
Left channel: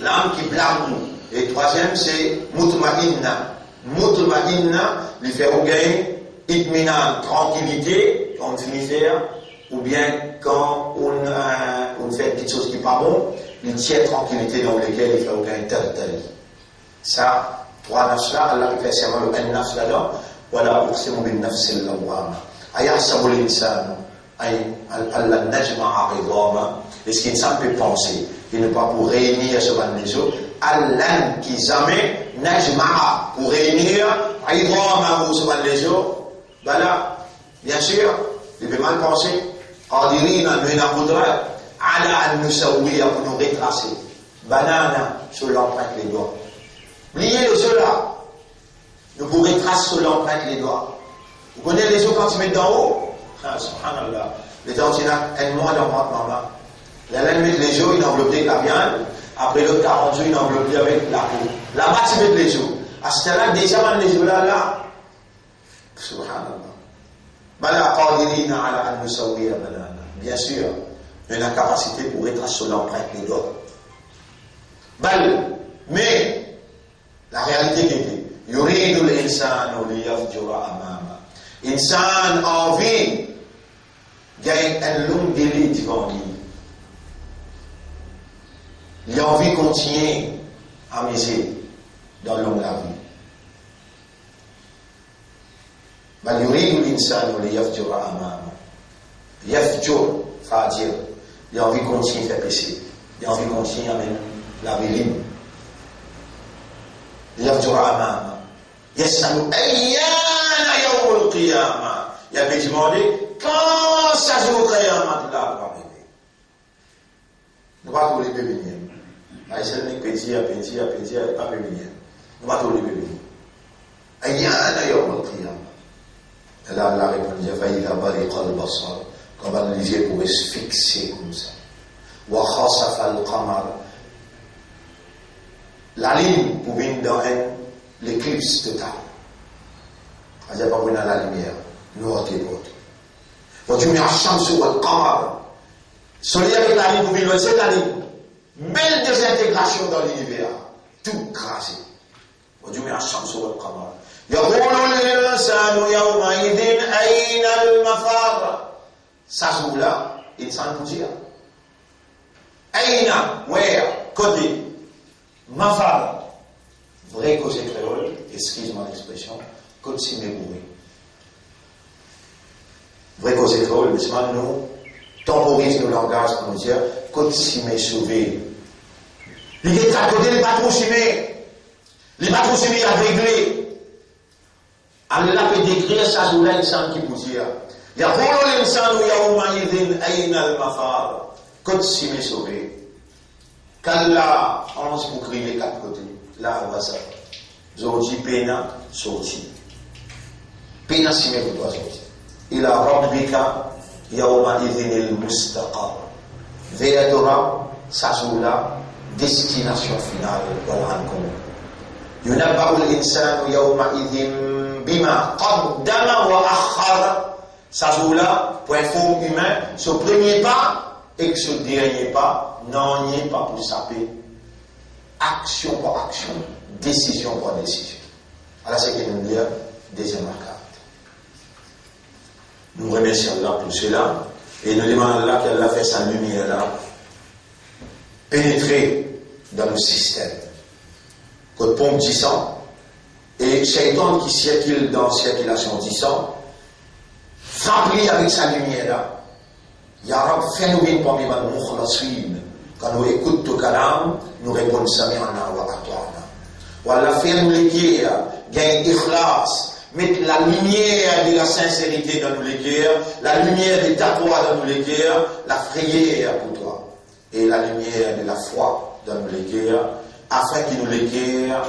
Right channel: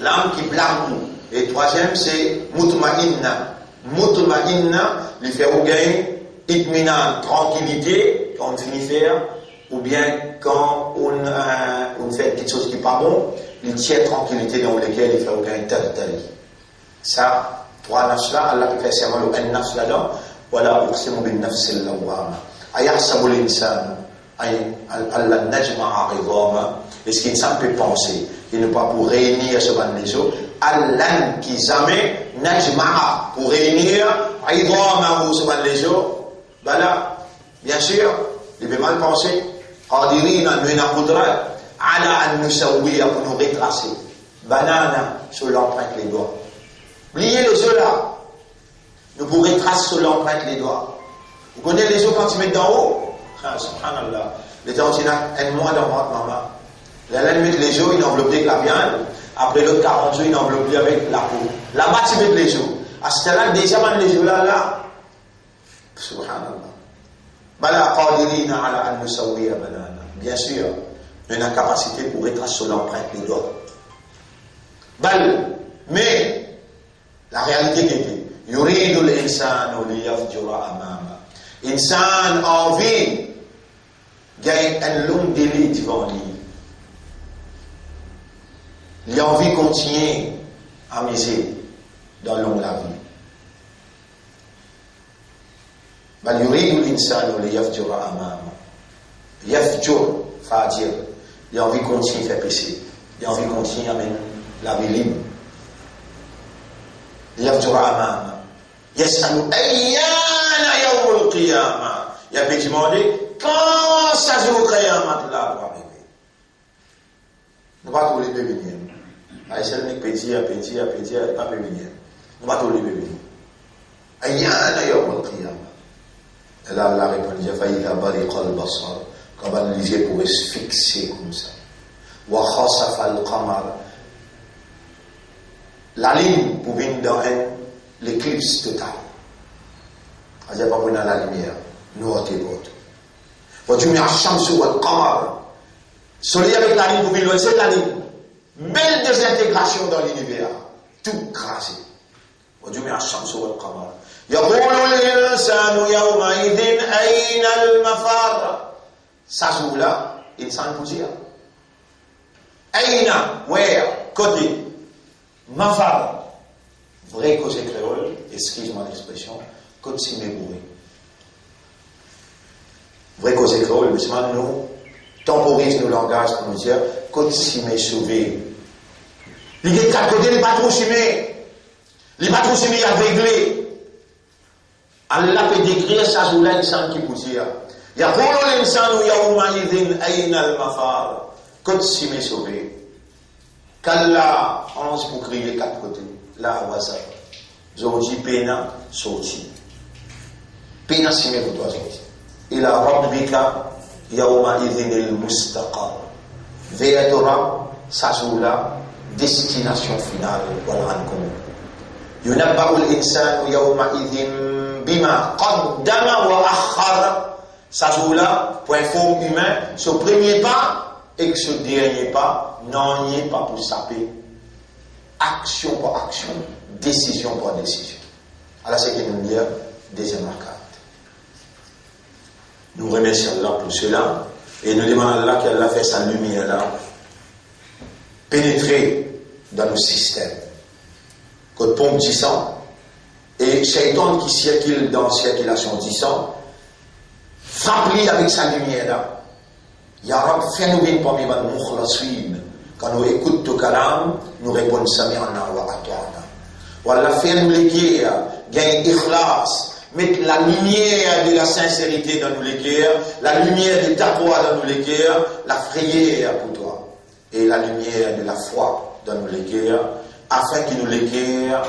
L'âme qui blâme ou. Et troisième, c'est mutma'inna. Mutma'inna, lui fait au gain, itminan, tranquillité, quand on finit faire, ou bien quand on fait quelque chose qui n'est pas bon, il tient tranquillité dans lequel il fait au gain tel. Ça, 3 nafs là, Allah fait serment le 1 nafs là-dedans, voilà, uqsimu bin nafsil lawwama. Ayahsabu l'insan. Allah najma'a ridama. Est-ce qu'insan peut penser qu'il n'est pas pour réunir ce ban les eaux? Allah qui jamais najma'a pour réunir ridama ou ce ban les eaux. Ben là, bien sûr, il peut mal penser. Qadirina min al-qudrat ala an nusawwiya pour nous retracer. Banana sur l'empreinte les doigts. Pliez les yeux là. Nous vous retracer sur l'empreinte les doigts. Vous connaissez les yeux quand ils mettent d'en haut? Ah, subhanallah. Les gens disent un mois dans maman. Là, ils mettent les yeux, ils enveloppent avec la viande. Après l'autre 40 jours, ils enveloppent avec la peau. Là-bas, ils mettent les yeux. À ce là déjà, les yeux là. Subhanallah. Bala qadirina ala an nusawwiya banana. Bien sûr, on a la capacité pour retracer sur l'empreinte des doigts. Mais, la réalité qui était, yuridu l'insanu liyafjura amama. Insan envie gagne un long délai devant lui. Il a envie de continuer à miser dans le long de la vie. Bal yuridu l'insanu liyafjura amama. Yafjur, fajir. Il a envie de continuer à faire péché. Il a envie de continuer à mener la vie libre. Liyafjura amama. Yasalu ayyana yawmul qiyamah. Il a pu demander quand ça joue au qiyamah là va arriver. Nous pas tous les bébés venir. Aïcha n'est petit à petit, pas venir. Nous pas tous les bébés venir. Ayyana yawmul qiyamah. Là, la réponse est faïda bariqa al-basar. Quand les yeux pourraient se fixer comme ça. Wa khasafa al-qamar. La ligne pour venir dans l'éclipse totale. Il n'y a pas besoin de la lumière. Nous, on est autres. Quand tu mets un champ ou un qamar, soleil avec la ligne pour venir, c'est la ligne. Belle désintégration dans l'univers. Tout crasé. Quand tu mets un champ ou un qamar. يقول الإنسان يومئذ أين المفر. Ça joue là, l'insan peut dire. Aïna, where, côté. Mafar. Vrai cause créole, excuse-moi l'expression, côté si mémouré. Vrai cause créole, mais seulement nous, temporise le langage pour nous dire, côté si m'est sauvé. Il y a 4 côtés, les patrons chimés. Les patrons chimés aveuglés. Allah peut décrire ça sur l'insan qui peut dire يقول الإنسان يومئذ أين المفار Côte si m'est sauvé. Kalla, 11 pour crier les quatre côtés. Là, on va ça. Zordi, pena, sorti. Pena si m'est pour toi sorti. Ila rabbika yawma idhin al-mustaqar. Veadora, Sazoula, destination finale. Voilà un commun. Yunabba'u al-insanu yawma idhin bima qaddama wa akhara. Sazoula, point forme humain, ce premier pas et que ce dernier pas n'en est pas pour saper. Action par action, décision par décision. Alors c'est qu'il nous dit deuxième arcade. Nous remercions Allah pour cela et nous demandons à Allah qu'elle a fait sa lumière là pénétrer dans le système. Côte pompe 10 ans et Shaitan qui circule dans circulation 10 ans. Frappe-lui avec sa lumière là. Ya Rab, fais-nous bien parmi les mukhlasin. Quand nous écoutons ton kalam, nous répondons Sami'ana wa ata'na. Wallah, fais-nous les guerres, gagne ikhlas, mettre la lumière de la sincérité dans nos guerres, la lumière de taqwa dans nos guerres, la prière pour toi, et la lumière de la foi dans nos guerres, afin que nos guerres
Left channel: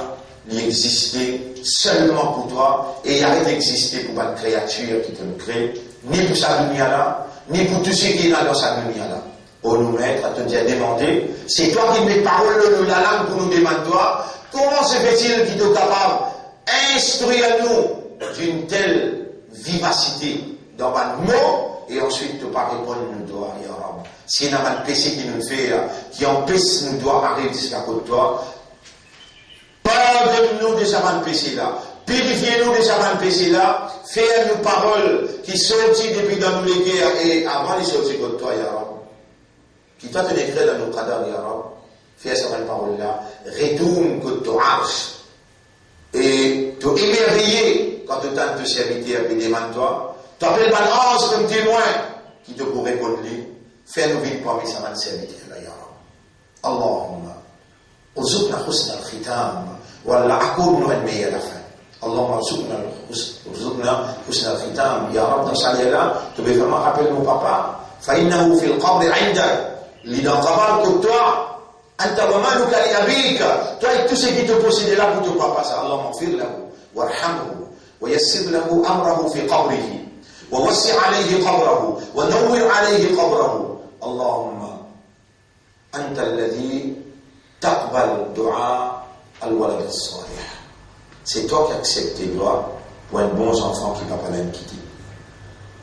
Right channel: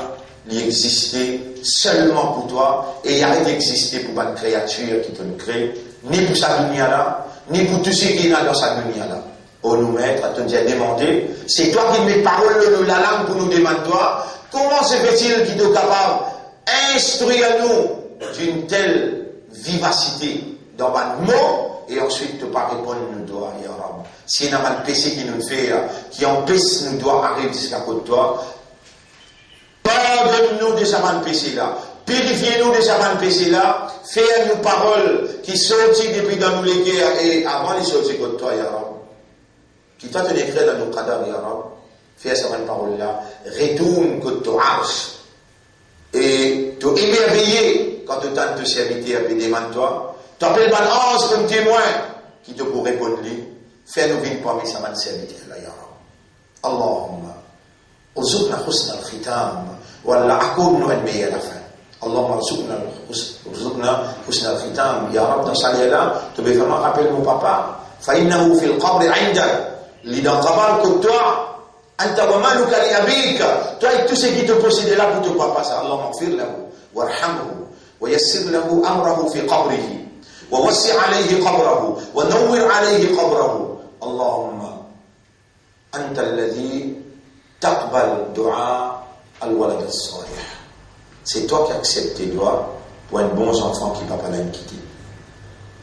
exister seulement pour toi et arrête d'exister pour une créature qui te crée, ni pour sa lumière là, ni pour tout ce qui est dans sa lumière là. Oh nous maître, à te dire demander, c'est toi qui mets parole de la langue pour nous demander toi, comment se fait-il qu'il est capable d'instruire nous d'une telle vivacité dans un mot et ensuite ne pas répondre nous doigts, ya Rab. Si il y a un péché qui nous fait, qui empêche nous doigts arriver jusqu'à côté de toi, pardonne-nous de ce péché là. Purifiez-nous de ce péché là. Fais-nous paroles qui sortent depuis dans nous les guerres et avant de sortir contre toi, ya Rab. Qui t'a te décret dans nos cadavres, ya Rab. Fais cette parole là. Retourne contre ton arche. Et te émerveiller quand tu tentes de servir et demande toi. T'appelles balance comme témoin qui te pourrait répondre. Fais-nous vivre parmi ces serviteurs là, ya Rab. Allahumma. ارزقنا حسن الختام ولا أكون علمي à la fin. اللهم ارزقنا حسن الختام يا رب dans ça là tu veux vraiment rappeler mon papa فإنه في القبر عندك اللي dans قبر que toi أنت ومالك لأبيك toi et tout ce qui te possède là pour ton papa ça اللهم اغفر له وارحمه ويسر له أمره في قبره ووسع عليه قبره ونور عليه قبره اللهم أنت الذي تقبل دعاء الولد الصالح. C'est toi qui acceptes tes doigts pour un bon enfant qui ne va pas l'en quitter.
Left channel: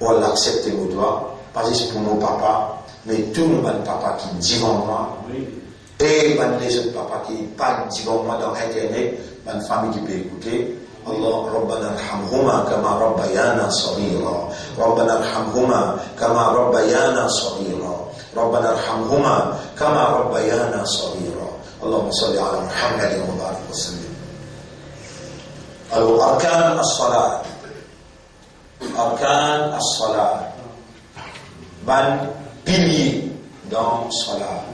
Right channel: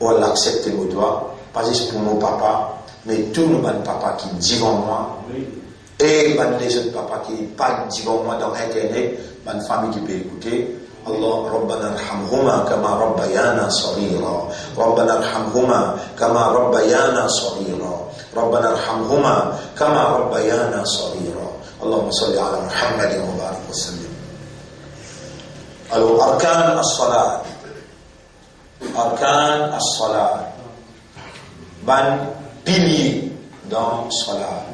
On l'accepte nos doigts, pas juste pour nos papas, mais tous nos papas qui disent en moi, et les autres papas qui pas disent en moi dans Internet, ma famille qui peut écouter. Allah, ربنا ارحمهما كما ربيانا صغيرا ربنا ارحمهما كما ربيانا صغيرا ربنا ارحمهما كما ربيانا صغيرا اللهم صل على محمد وبارك وسلم. Alors, arkan as-salat. Arkan as-salat. Ban pilier dans salat.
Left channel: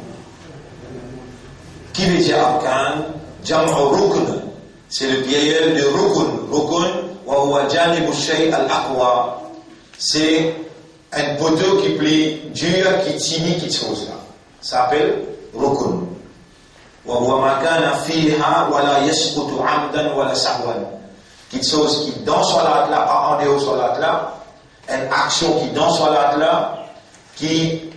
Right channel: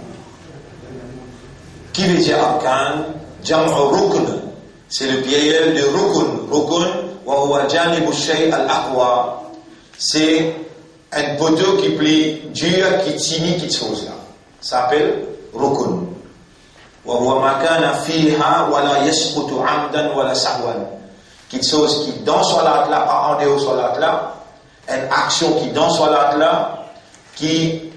Qui veut dire arkan? Jam'u rukn. C'est le pluriel de rukun. Rukun, wa huwa janibu shay al-aqwa. C'est un poteau qui plie dur, qui tient quelque chose là. Ça s'appelle rukun. Wa huwa ma kana fiha wa la yasqutu 'amdan wa la sahwan. Quelque chose qui dans salat là, pas en dehors salat là, une action qui dans salat là, qui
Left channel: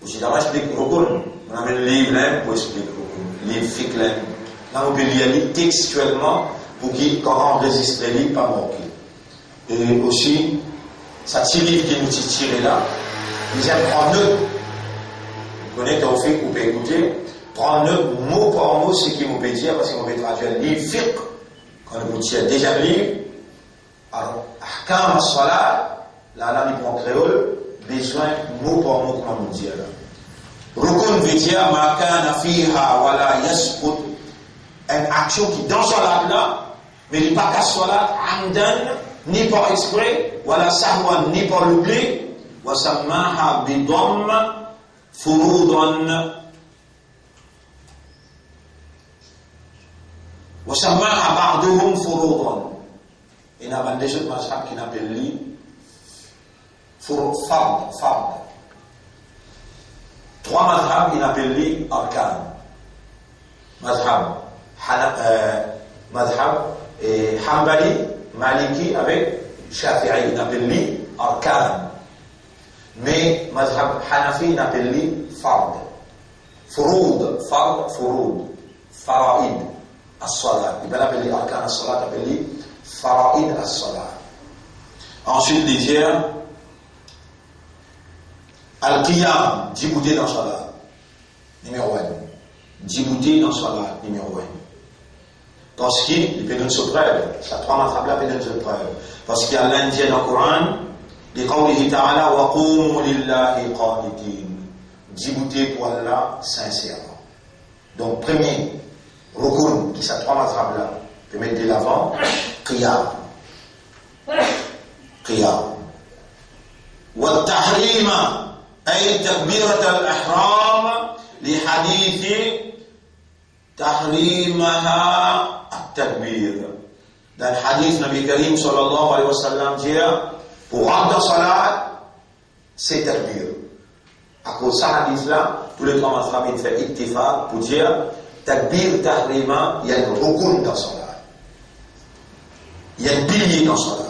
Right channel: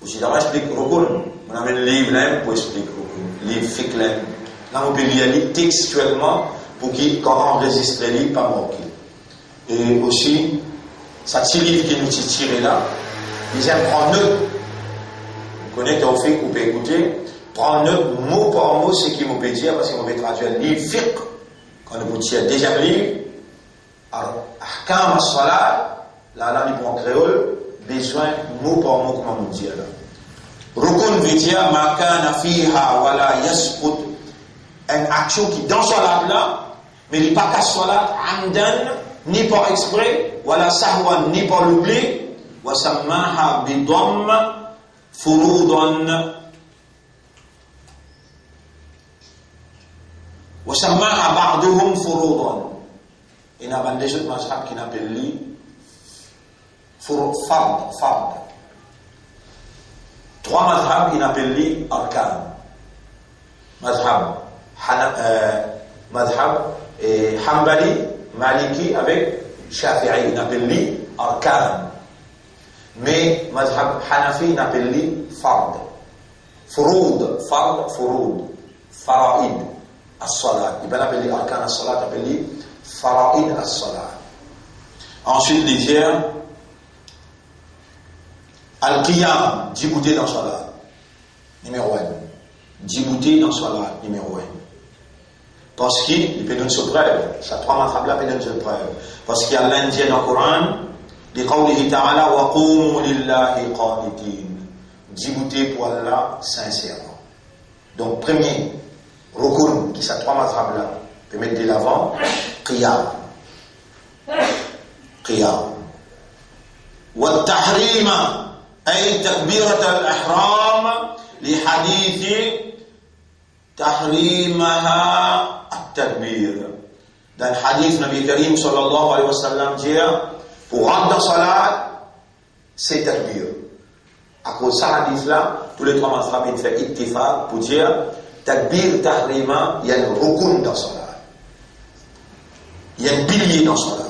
aussi dans l'explique rukun. On a un livre là pour expliquer rukun. Livre fiqh là. Là, on peut lire textuellement pour qu'il, quand on enregistre les livres, pas manquer. Et aussi, ça tire qui nous tire là, ils aiment prendre note. Vous connaissez ton fiqh, vous pouvez écouter, prendre note mot par mot ce qu'il vous peut dire, parce qu'on peut traduire le livre fiqh, quand vous tirez déjà le livre. Alors, ahkam as-salat, là, il prend créole, besoin mot par mot, comment vous dire là. Rukun veut dire, ma kana fiha wa la yasqut. Une action qui dans salat là, mais il n'est pas qu'à salat, amdan, ni par exprès, wala sahwan, ni par l'oubli, wa sammaha bidam furudan, wa sammaha ba'duhum furudan. il y a des autres mazhab qui n'appellent lui fard. 3 mazhab qui n'appellent lui arkan. Mazhab Hanbali, Maliki avec Shafi'i, il appelle lui arkan. Mais mazhab Hanafi, il appelle lui fard. Furud, faraid, as-salat. Il appelle lui arkan as-salat, il appelle lui faraid as-salat. Ensuite, les dire al-qiyam, djibouté dans salat. Numéro 1. Djibouté dans salat, numéro 1. Parce qu'il peut nous surprendre, ça 3 mazhab là peut nous surprendre. Parce qu'il y a l'Indien dans le Coran, بقوله تعالى وقوموا لله قانتين. Djibouté pour Allah sincèrement. Donc premier rukun qui sont 3 mazhab là peut mettre de l'avant qiyam. والتحريم أي تكبيرة الإحرام لحديث تحريمها التكبير. Dans le hadith Nabi Karim sallallahu alayhi wa sallam dit pour rentrer dans salat c'est takbir. À cause de ce hadith là tous les 3 mazhab ils font ittifaq pour dire takbir tahrima, il y a un rukun dans salat, il y a un pilier dans salat.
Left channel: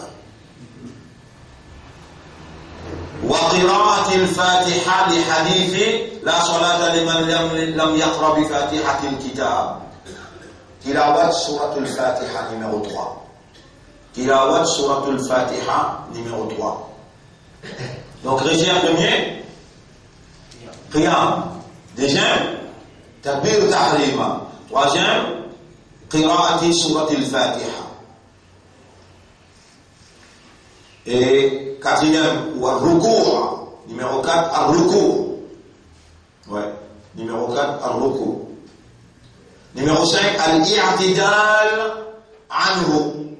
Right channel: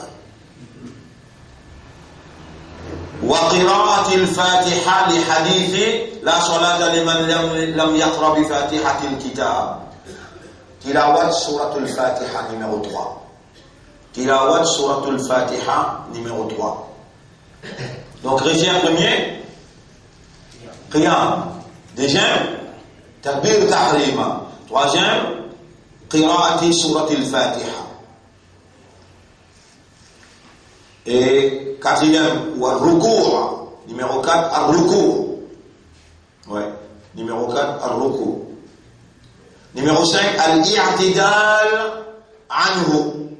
وقراءة الفاتحة لحديث لا صلاة لمن لم يقرأ بفاتحة الكتاب. تلاوة سورة الفاتحة numéro 3. تلاوة سورة الفاتحة numéro 3. Donc régime premier قيام. Deuxième تكبير تحريما. Troisième قراءة سورة الفاتحة. Et quatrième, ou al-ruku', numéro 4, al-ruku'. Ouais, numéro 4, al-ruku'. Numéro 5, al-i'tidal anhu.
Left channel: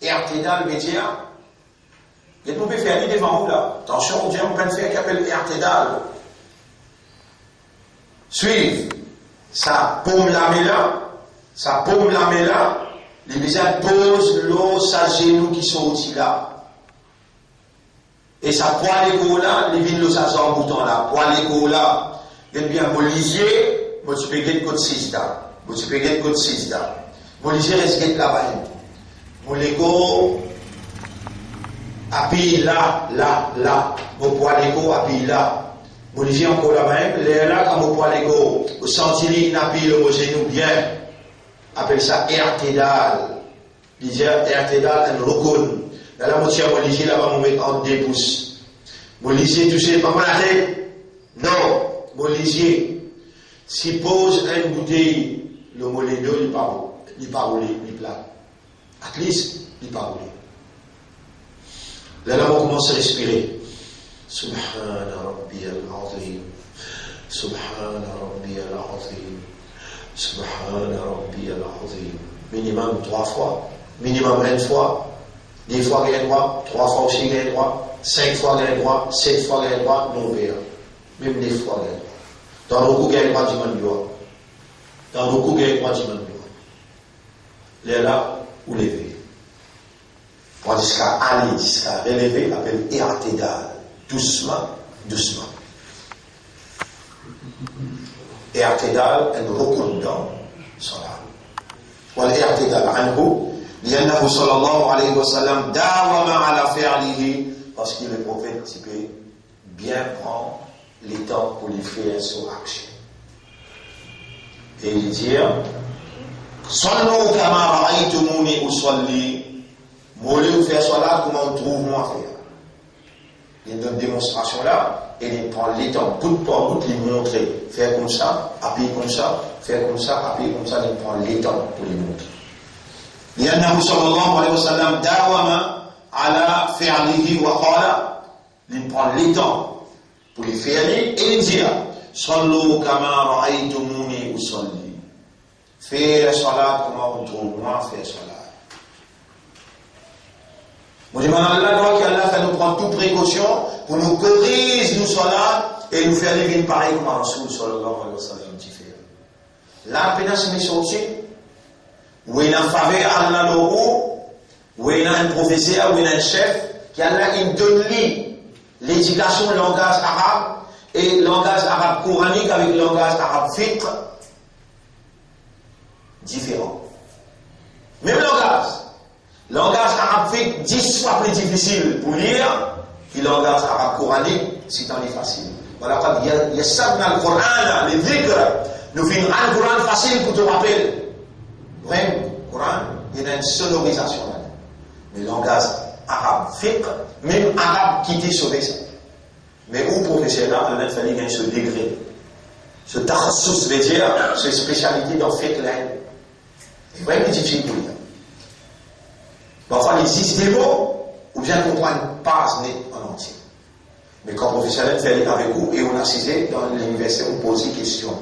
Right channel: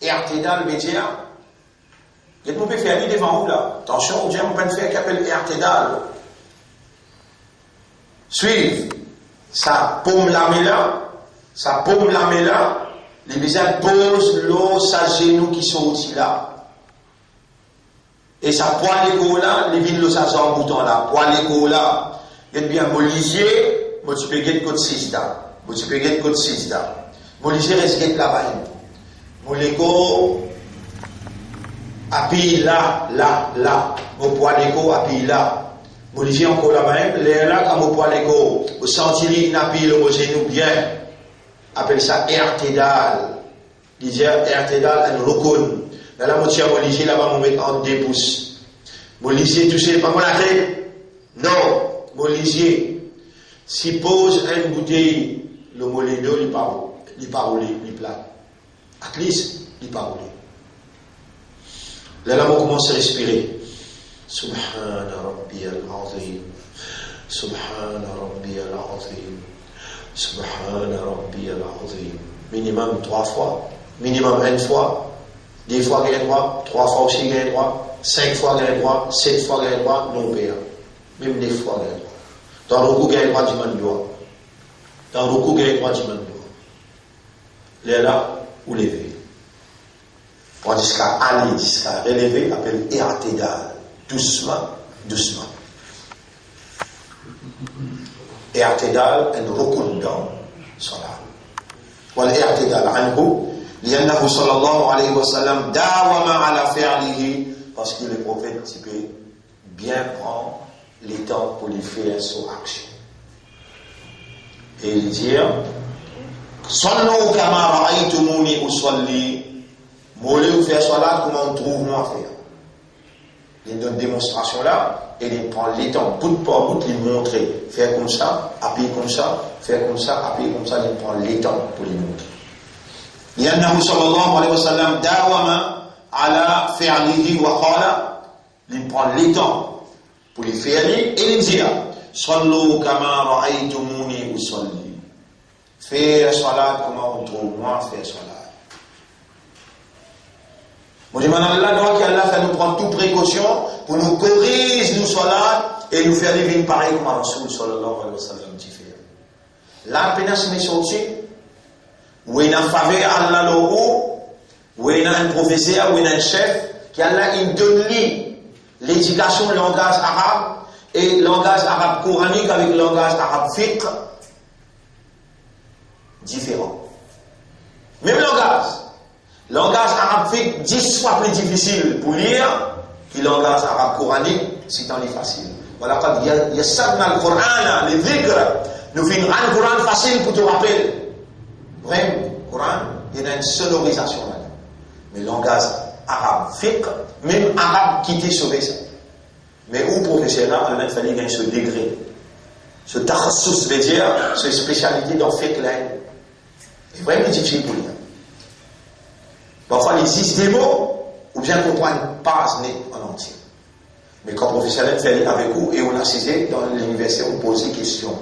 I'tidal veut dire, il y a tout faire devant vous là. Attention, Dieu on peut faire qu'il appelle i'tidal. Suivre, sa paume la met là, les visages posent l'eau, sa genou qui sont aussi là. Et ça poil égo là, les vignes le savent en bouton là, poil égo là, il y a bien molisier, moi tu peux gagner code 6 là, molisier reste là-bas, mon égo, appuie là, mon poil égo appuie là, molisier encore là-bas, les là quand mon poil égo, au sentili n'appuie le genou bien, appelle ça irtidal, il dit irtidal and rukun. Dans la moitié, mon lycée là-bas, on met en 2 pouces. Mon lycée, tu sais pas mon tête? Non. Mon lycée, si pose une bouteille, le mollet d'eau, il part rouler, il plat. At least, il part rouler. Là, on commence à respirer. Subhana Rabbi al-Azim. Subhana Rabbi al-Azim. Subhana Rabbi al-Azim. Minimum 3 fois. Minimum 1 fois. 2 fois gain droit, 3 fois aussi gain droit, 5 fois gain droit, 7 fois gain droit, non père. Même 9 fois gain droit. Dans le coup gain droit du mandoua. Dans le coup gain droit du mandoua. Les là, ou lever. Pour jusqu'à aller, jusqu'à relever, appelle i'tidal. Doucement. I'tidal, un rukun dans salat. Wal i'tidal anhu. لأنه صلى الله عليه وسلم داوم على فعله parce que le prophète peut bien prendre le temps pour lui faire son action. Et il dit صلوا كما رأيتموني أصلي. Moulez faire salat comme on trouve moi à faire. Il donne une démonstration là et il prend le temps bout par bout, il montre faire comme ça, appuyer comme ça, faire comme ça, appuyer comme ça, il prend le temps pour lui montrer. لأنه صلى الله عليه وسلم داوم على فعله وقال il prend le temps pour le faire et il dit صلوا كما رأيتموني أصلي. Faire salat comme on trouve moi faire salat. Moi je demande à Allah qu'Allah fait nous prendre toute précaution pour nous corriger nous salat et nous faire vivre pareil comme Rasoul sallallahu alayhi wa sallam dit faire. Là pénal se met sorti où il a faveur Allah logo, où Ou il y a un professeur, ou il y a un chef, qui a là, il donne l'éducation, le langage arabe, et le langage arabe coranique avec le langage arabe fiqh, différent. Même langage. Langage arabe fiqh 10 fois plus difficile pour lire que le langage arabe coranique, c'est tant facile. Voilà, quand il y a ça dans le Coran, les dhikr, nous faisons un Coran facile pour te rappeler. Vraiment, le Coran, il y a une sonorisation là. Mais le langage arabe fiqh, même arabe qui t'est sauvé ça. Mais où professionnel, il a fallu gagner ce degré. Ce takhassus, veut dire, cette spécialité dans fiqh là. C'est vraiment difficile pour lire. Parfois, il existe des mots, ou bien comprendre une page en entier. Mais quand professionnel fait avec vous, et on a cité dans l'université, on pose des questions.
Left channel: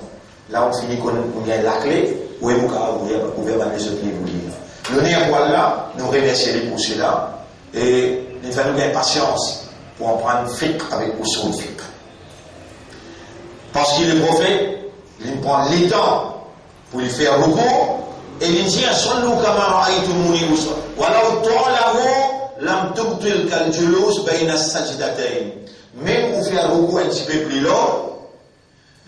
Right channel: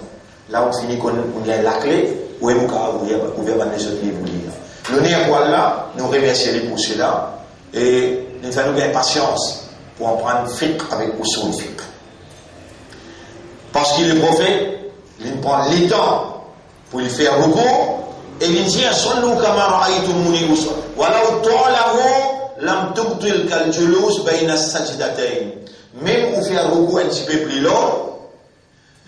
Là, on finit qu'on a la clé, où est mon cas, vous pouvez avoir les autres livres lire. Le nez à poil là, nous remercions pour cela, et il faut nous gagner patience pour en prendre fiqh avec usul fiqh. Parce qu'il est prophète, il prend les temps pour lui faire recours, et il dit, Sallu kama ra'aytumuni usul. Walau ta'lahu lam tubtil kal julus bayna sajdatayn. Même pour faire recours un petit peu plus long,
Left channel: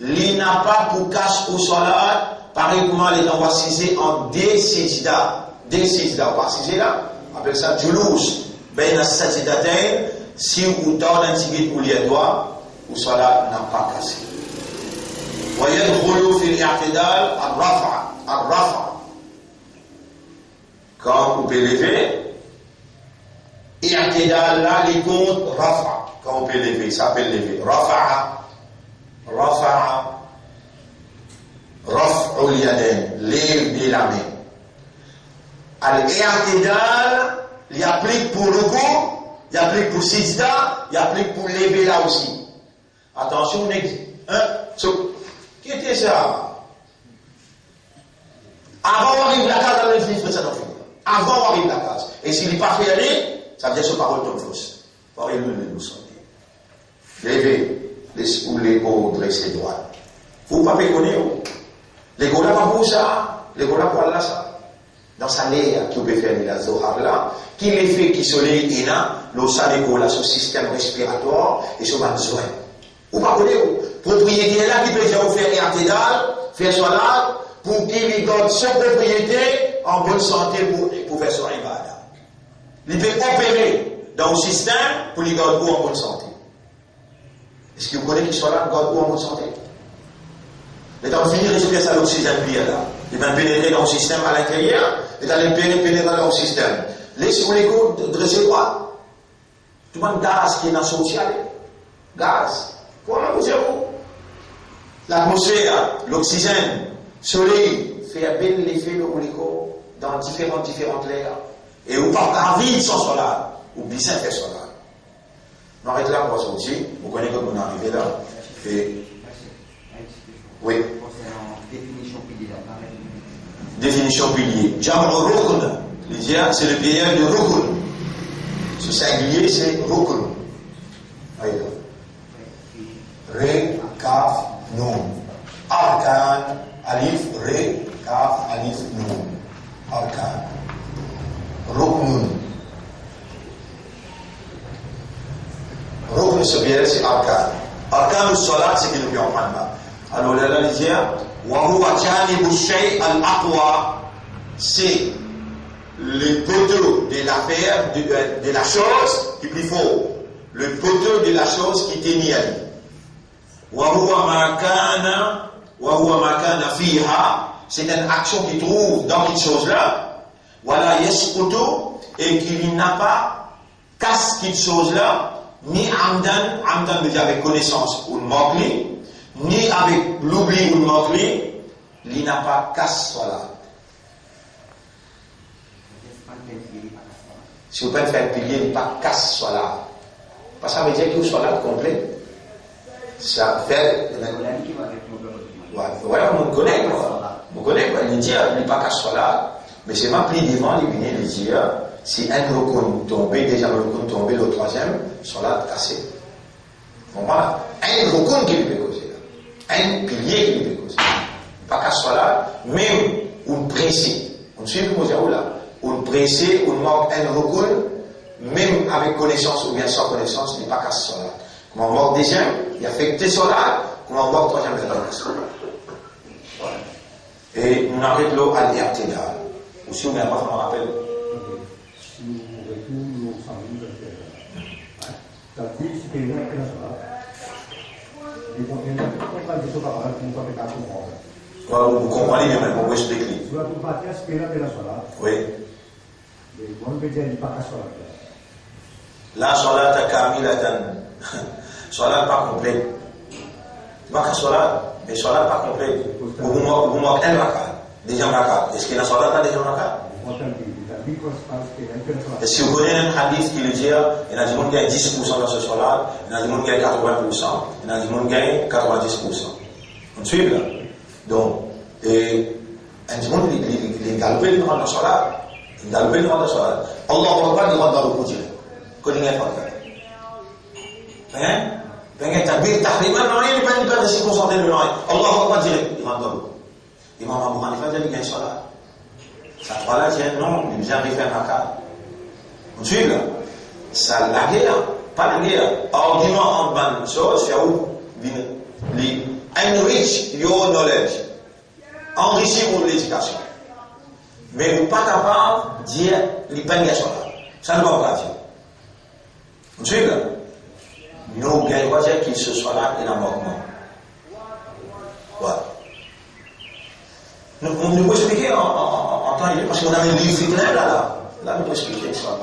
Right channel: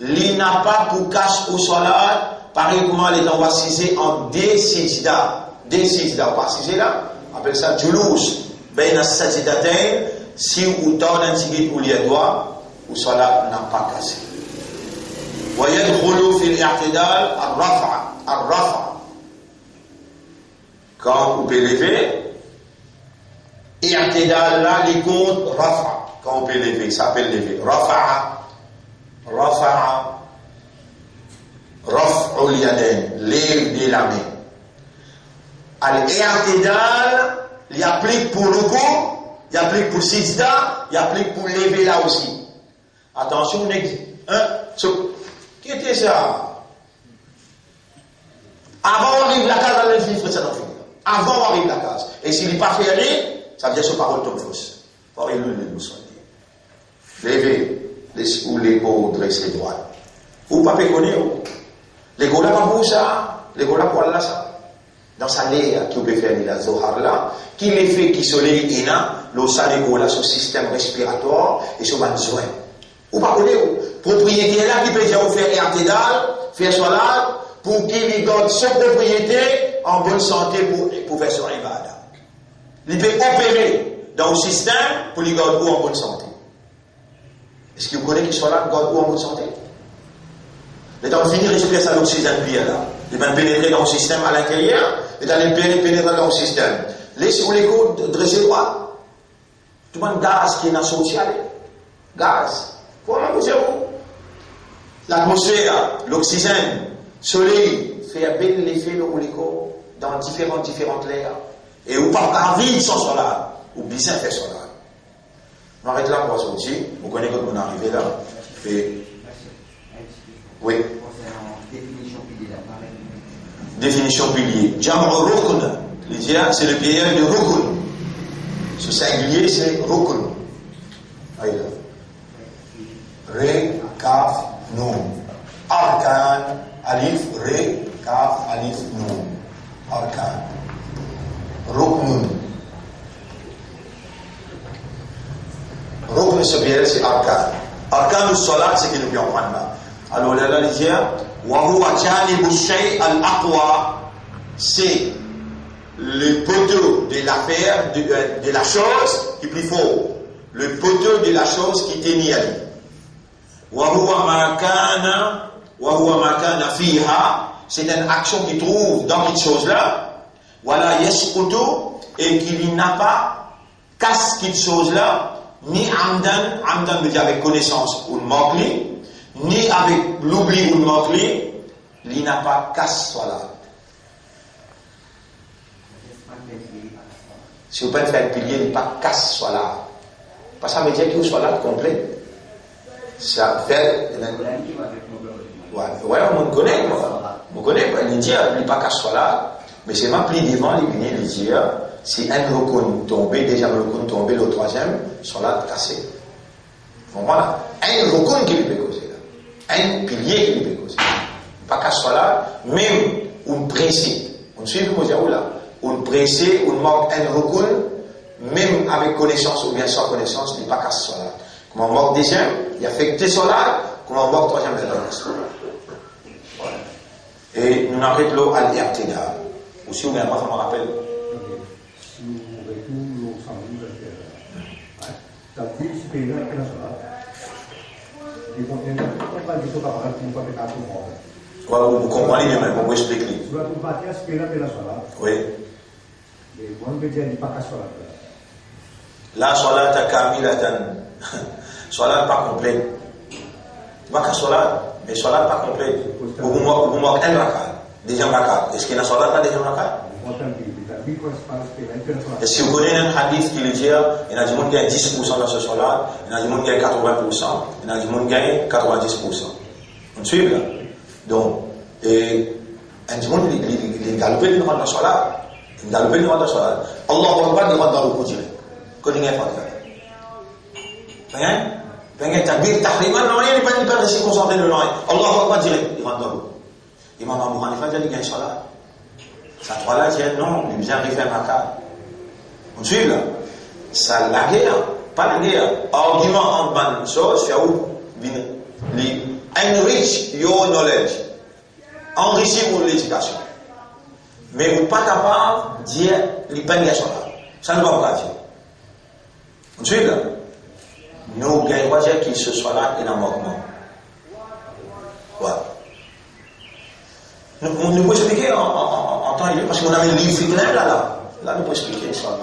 il n'a pas pour cache au salat, pareil comment les gens vont s'assiser en deux sijda. Deux sijda, on va s'assiser là, on appelle ça julus bayna sajdatayn. Si vous donnez un petit peu pour les doigts, au salat n'a pas cassé. ويدخل في الاعتدال الرفع quand vous pouvez lever, i'tidal là, les comptes, rafa. Quand vous pouvez lever, ça s'appelle lever. Rafa'a, raf'ul yadayn, lève de la main. Al-i'tidal, il applique pour le coup, il applique pour sijda, il applique pour lever là aussi. Attention, qui était ça? Avant d'arriver à la case, on a fait ça dans le film. Avant d'arriver à la case. Et s'il n'est pas fait aller, ça veut dire que ce parole tombe fausse. Parole nous sentir. Levez ou l'ego dressé droit. Vous ne pouvez pas connaître. L'ego là, pas pour ça. L'ego là, pour là, ça. Dans sa léa, qui peut faire la zohar là, qui l'effet qui soleil est là, le salego là, son système respiratoire et son besoin. Vous ne pouvez pas connaître. Propriété là, qui peut faire i'tidal, faire salat, pour qu'il garde son propriété en bonne santé pour faire son ibada. Il peut opérer dans le système pour lui garder en bonne santé. Est-ce que vous connaissez qu'il soit là, garde en bonne santé? Les temps fini, respire ça l'oxygène bien là. Il va pénétrer dans le système à l'intérieur, et d'aller pénétrer dans le système. Laissez-vous les coups dressés droit. Tout le monde gaz qui est dans le social. Gaz. Comment vous dire? L'atmosphère, l'oxygène, soleil, fait bien l'effet de l'hélico dans différentes layers. Et ou pas vivre sans soleil, ou bien faire soleil. On arrête là pour sortir. Vous connaissez comment on est arrivé là. Et... oui. Définition pilier. Jamr rukn. C'est le pilier de rukn. Ce singulier, c'est rukn. Allez là. Ré, kaf, nun. Arkan, alif, ré, kaf, alif, nun. Arkan. Ruknun. Rukn, ce pilier, c'est arkan. Arkan du salat, c'est qu'il nous vient en prendre là. Alors là, il dit, وهو جانب الشيء الأقوى, c'est le poteau de l'affaire, de la chose qui est plus fort, le poteau de la chose qui tenait à lui. وهو ما كان فيها, c'est une action qui trouve dans cette chose-là, ولا يسقط, et qu'il n'a pas casse cette chose-là, ni amdan veut dire avec connaissance ou mogli, ni avec l'oubli ou le mogli, il n'a pas casse salat. Si vous pouvez faire un pilier, il n'a pas casse salat. Parce que ça veut dire que le salat complet. Ça fait. Ouais, on connaît, on connaît, il dit, il n'a pas casse salat. Mais c'est même plus devant, il vient de dire, si un rokon tombé, déjà le rokon tombé, le troisième, salat cassé. Voilà. Un rokon qui peut causer. Un pilier qui peut causer. Pas qu'à soit là, même un principe. On suit le mot là. ou pressé, ou manque un recours, même avec connaissance ou bien sans connaissance, il n'est pas qu'à cela. Comme on manque deuxième, il affecte cela, comme on manque troisième, il voilà. Et nous avons l'eau à l'irtidal. Aussi, on n'a pas vraiment rappel. Si vous avez tout l'eau sans livre, tapi sepeda kena sholat. Di pokoknya apa di soal apa pun pakai kartu mau. Voilà, vous comprenez bien, mais vous expliquez. Surat Al-Fatihah sepeda kena sholat. Oui. Di mana beda di pakai sholat. La salata kamilatan. Salat pas complète. Pas qu'à salat, mais salat pas complète. Vous manquez un rakat, deuxième rakat. Est-ce qu'il y a un salat pas deuxième rakat? Et si vous connaissez un hadith qui le dit, il y a des gens qui gagnent 10% dans ce salat, il y a des gens qui gagnent 80%, il y a des gens qui gagnent 90%. On suit là. Donc, et un des gens qui galopent le rang dans le salat, ils galopent le rang dans le salat. Allah va pas le rang dans le coup direct. Connaissez pas ça. Hein? Pengen takbir tahriman, non, il n'est pas de se concentrer le nom. Allah va pas direct, il rentre dans l'eau. Imam Abu Hanifa dit qu'il y a un salat. Ça trois-là, dit non, il vient arriver un maca. On suit là. Ça, la guerre, pas la guerre. Argument en ban, c'est où? Enrich your knowledge. Enrichir pour l'éducation. Mais vous n'êtes pas capable de dire, il n'y a pas de salat. Ça ne va pas dire. On suit là. Nous gagnons pas qu'il se soit là et dans le mouvement. Voilà. Nous pouvons expliquer en temps parce qu'on a un livre là. Là, nous pouvons expliquer ça.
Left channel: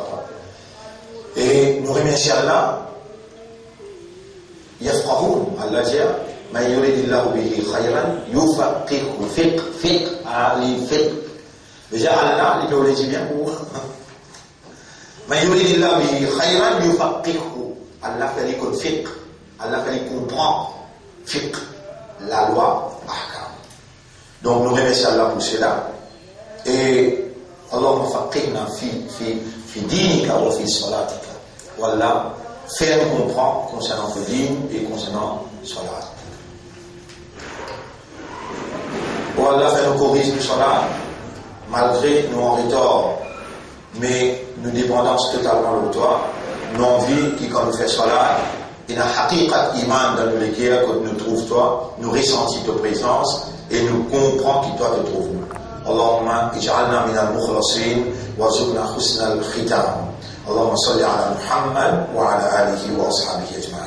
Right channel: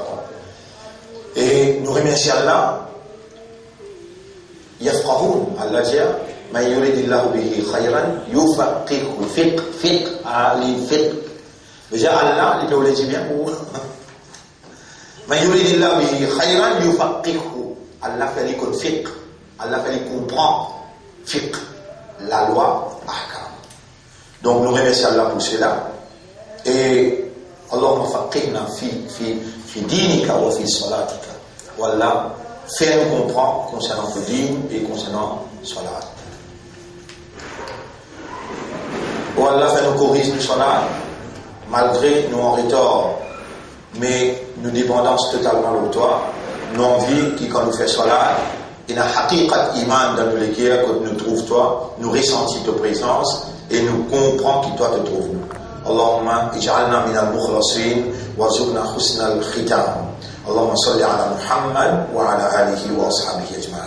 Et nous remercions Allah. Yafqahun, Allah dit, ma yuridillahu bihi khayran, yufaqihu fiqh al-fiqh. Déjà, Allah, il peut le dire bien pour ma yuridillahu bihi khayran, yufaqihu. Allah fait qu'on fiqh, Allah fait qu'on comprend fiqh, la loi, ahkam. Donc nous remercions Allah pour cela. Et Allahumma faqihna fi dinika wa fi salatika. Wallah, fais-nous comprendre concernant le din et concernant salat. Wallah, fais-nous corriger le salat, malgré nous en retard, mais nous dépendons totalement de toi. Non-vie qui, quand nous fait cela, il a haqiqat iman dans le guerres que nous trouve toi, nous ressentis ta présence et nous comprend qui toi te trouve nous. Allahumma ij'alna min al-mukhlasin wa zubna husna al-khitam. Allahumma salli ala Muhammad wa ala alihi wa ashabihi ajma'in.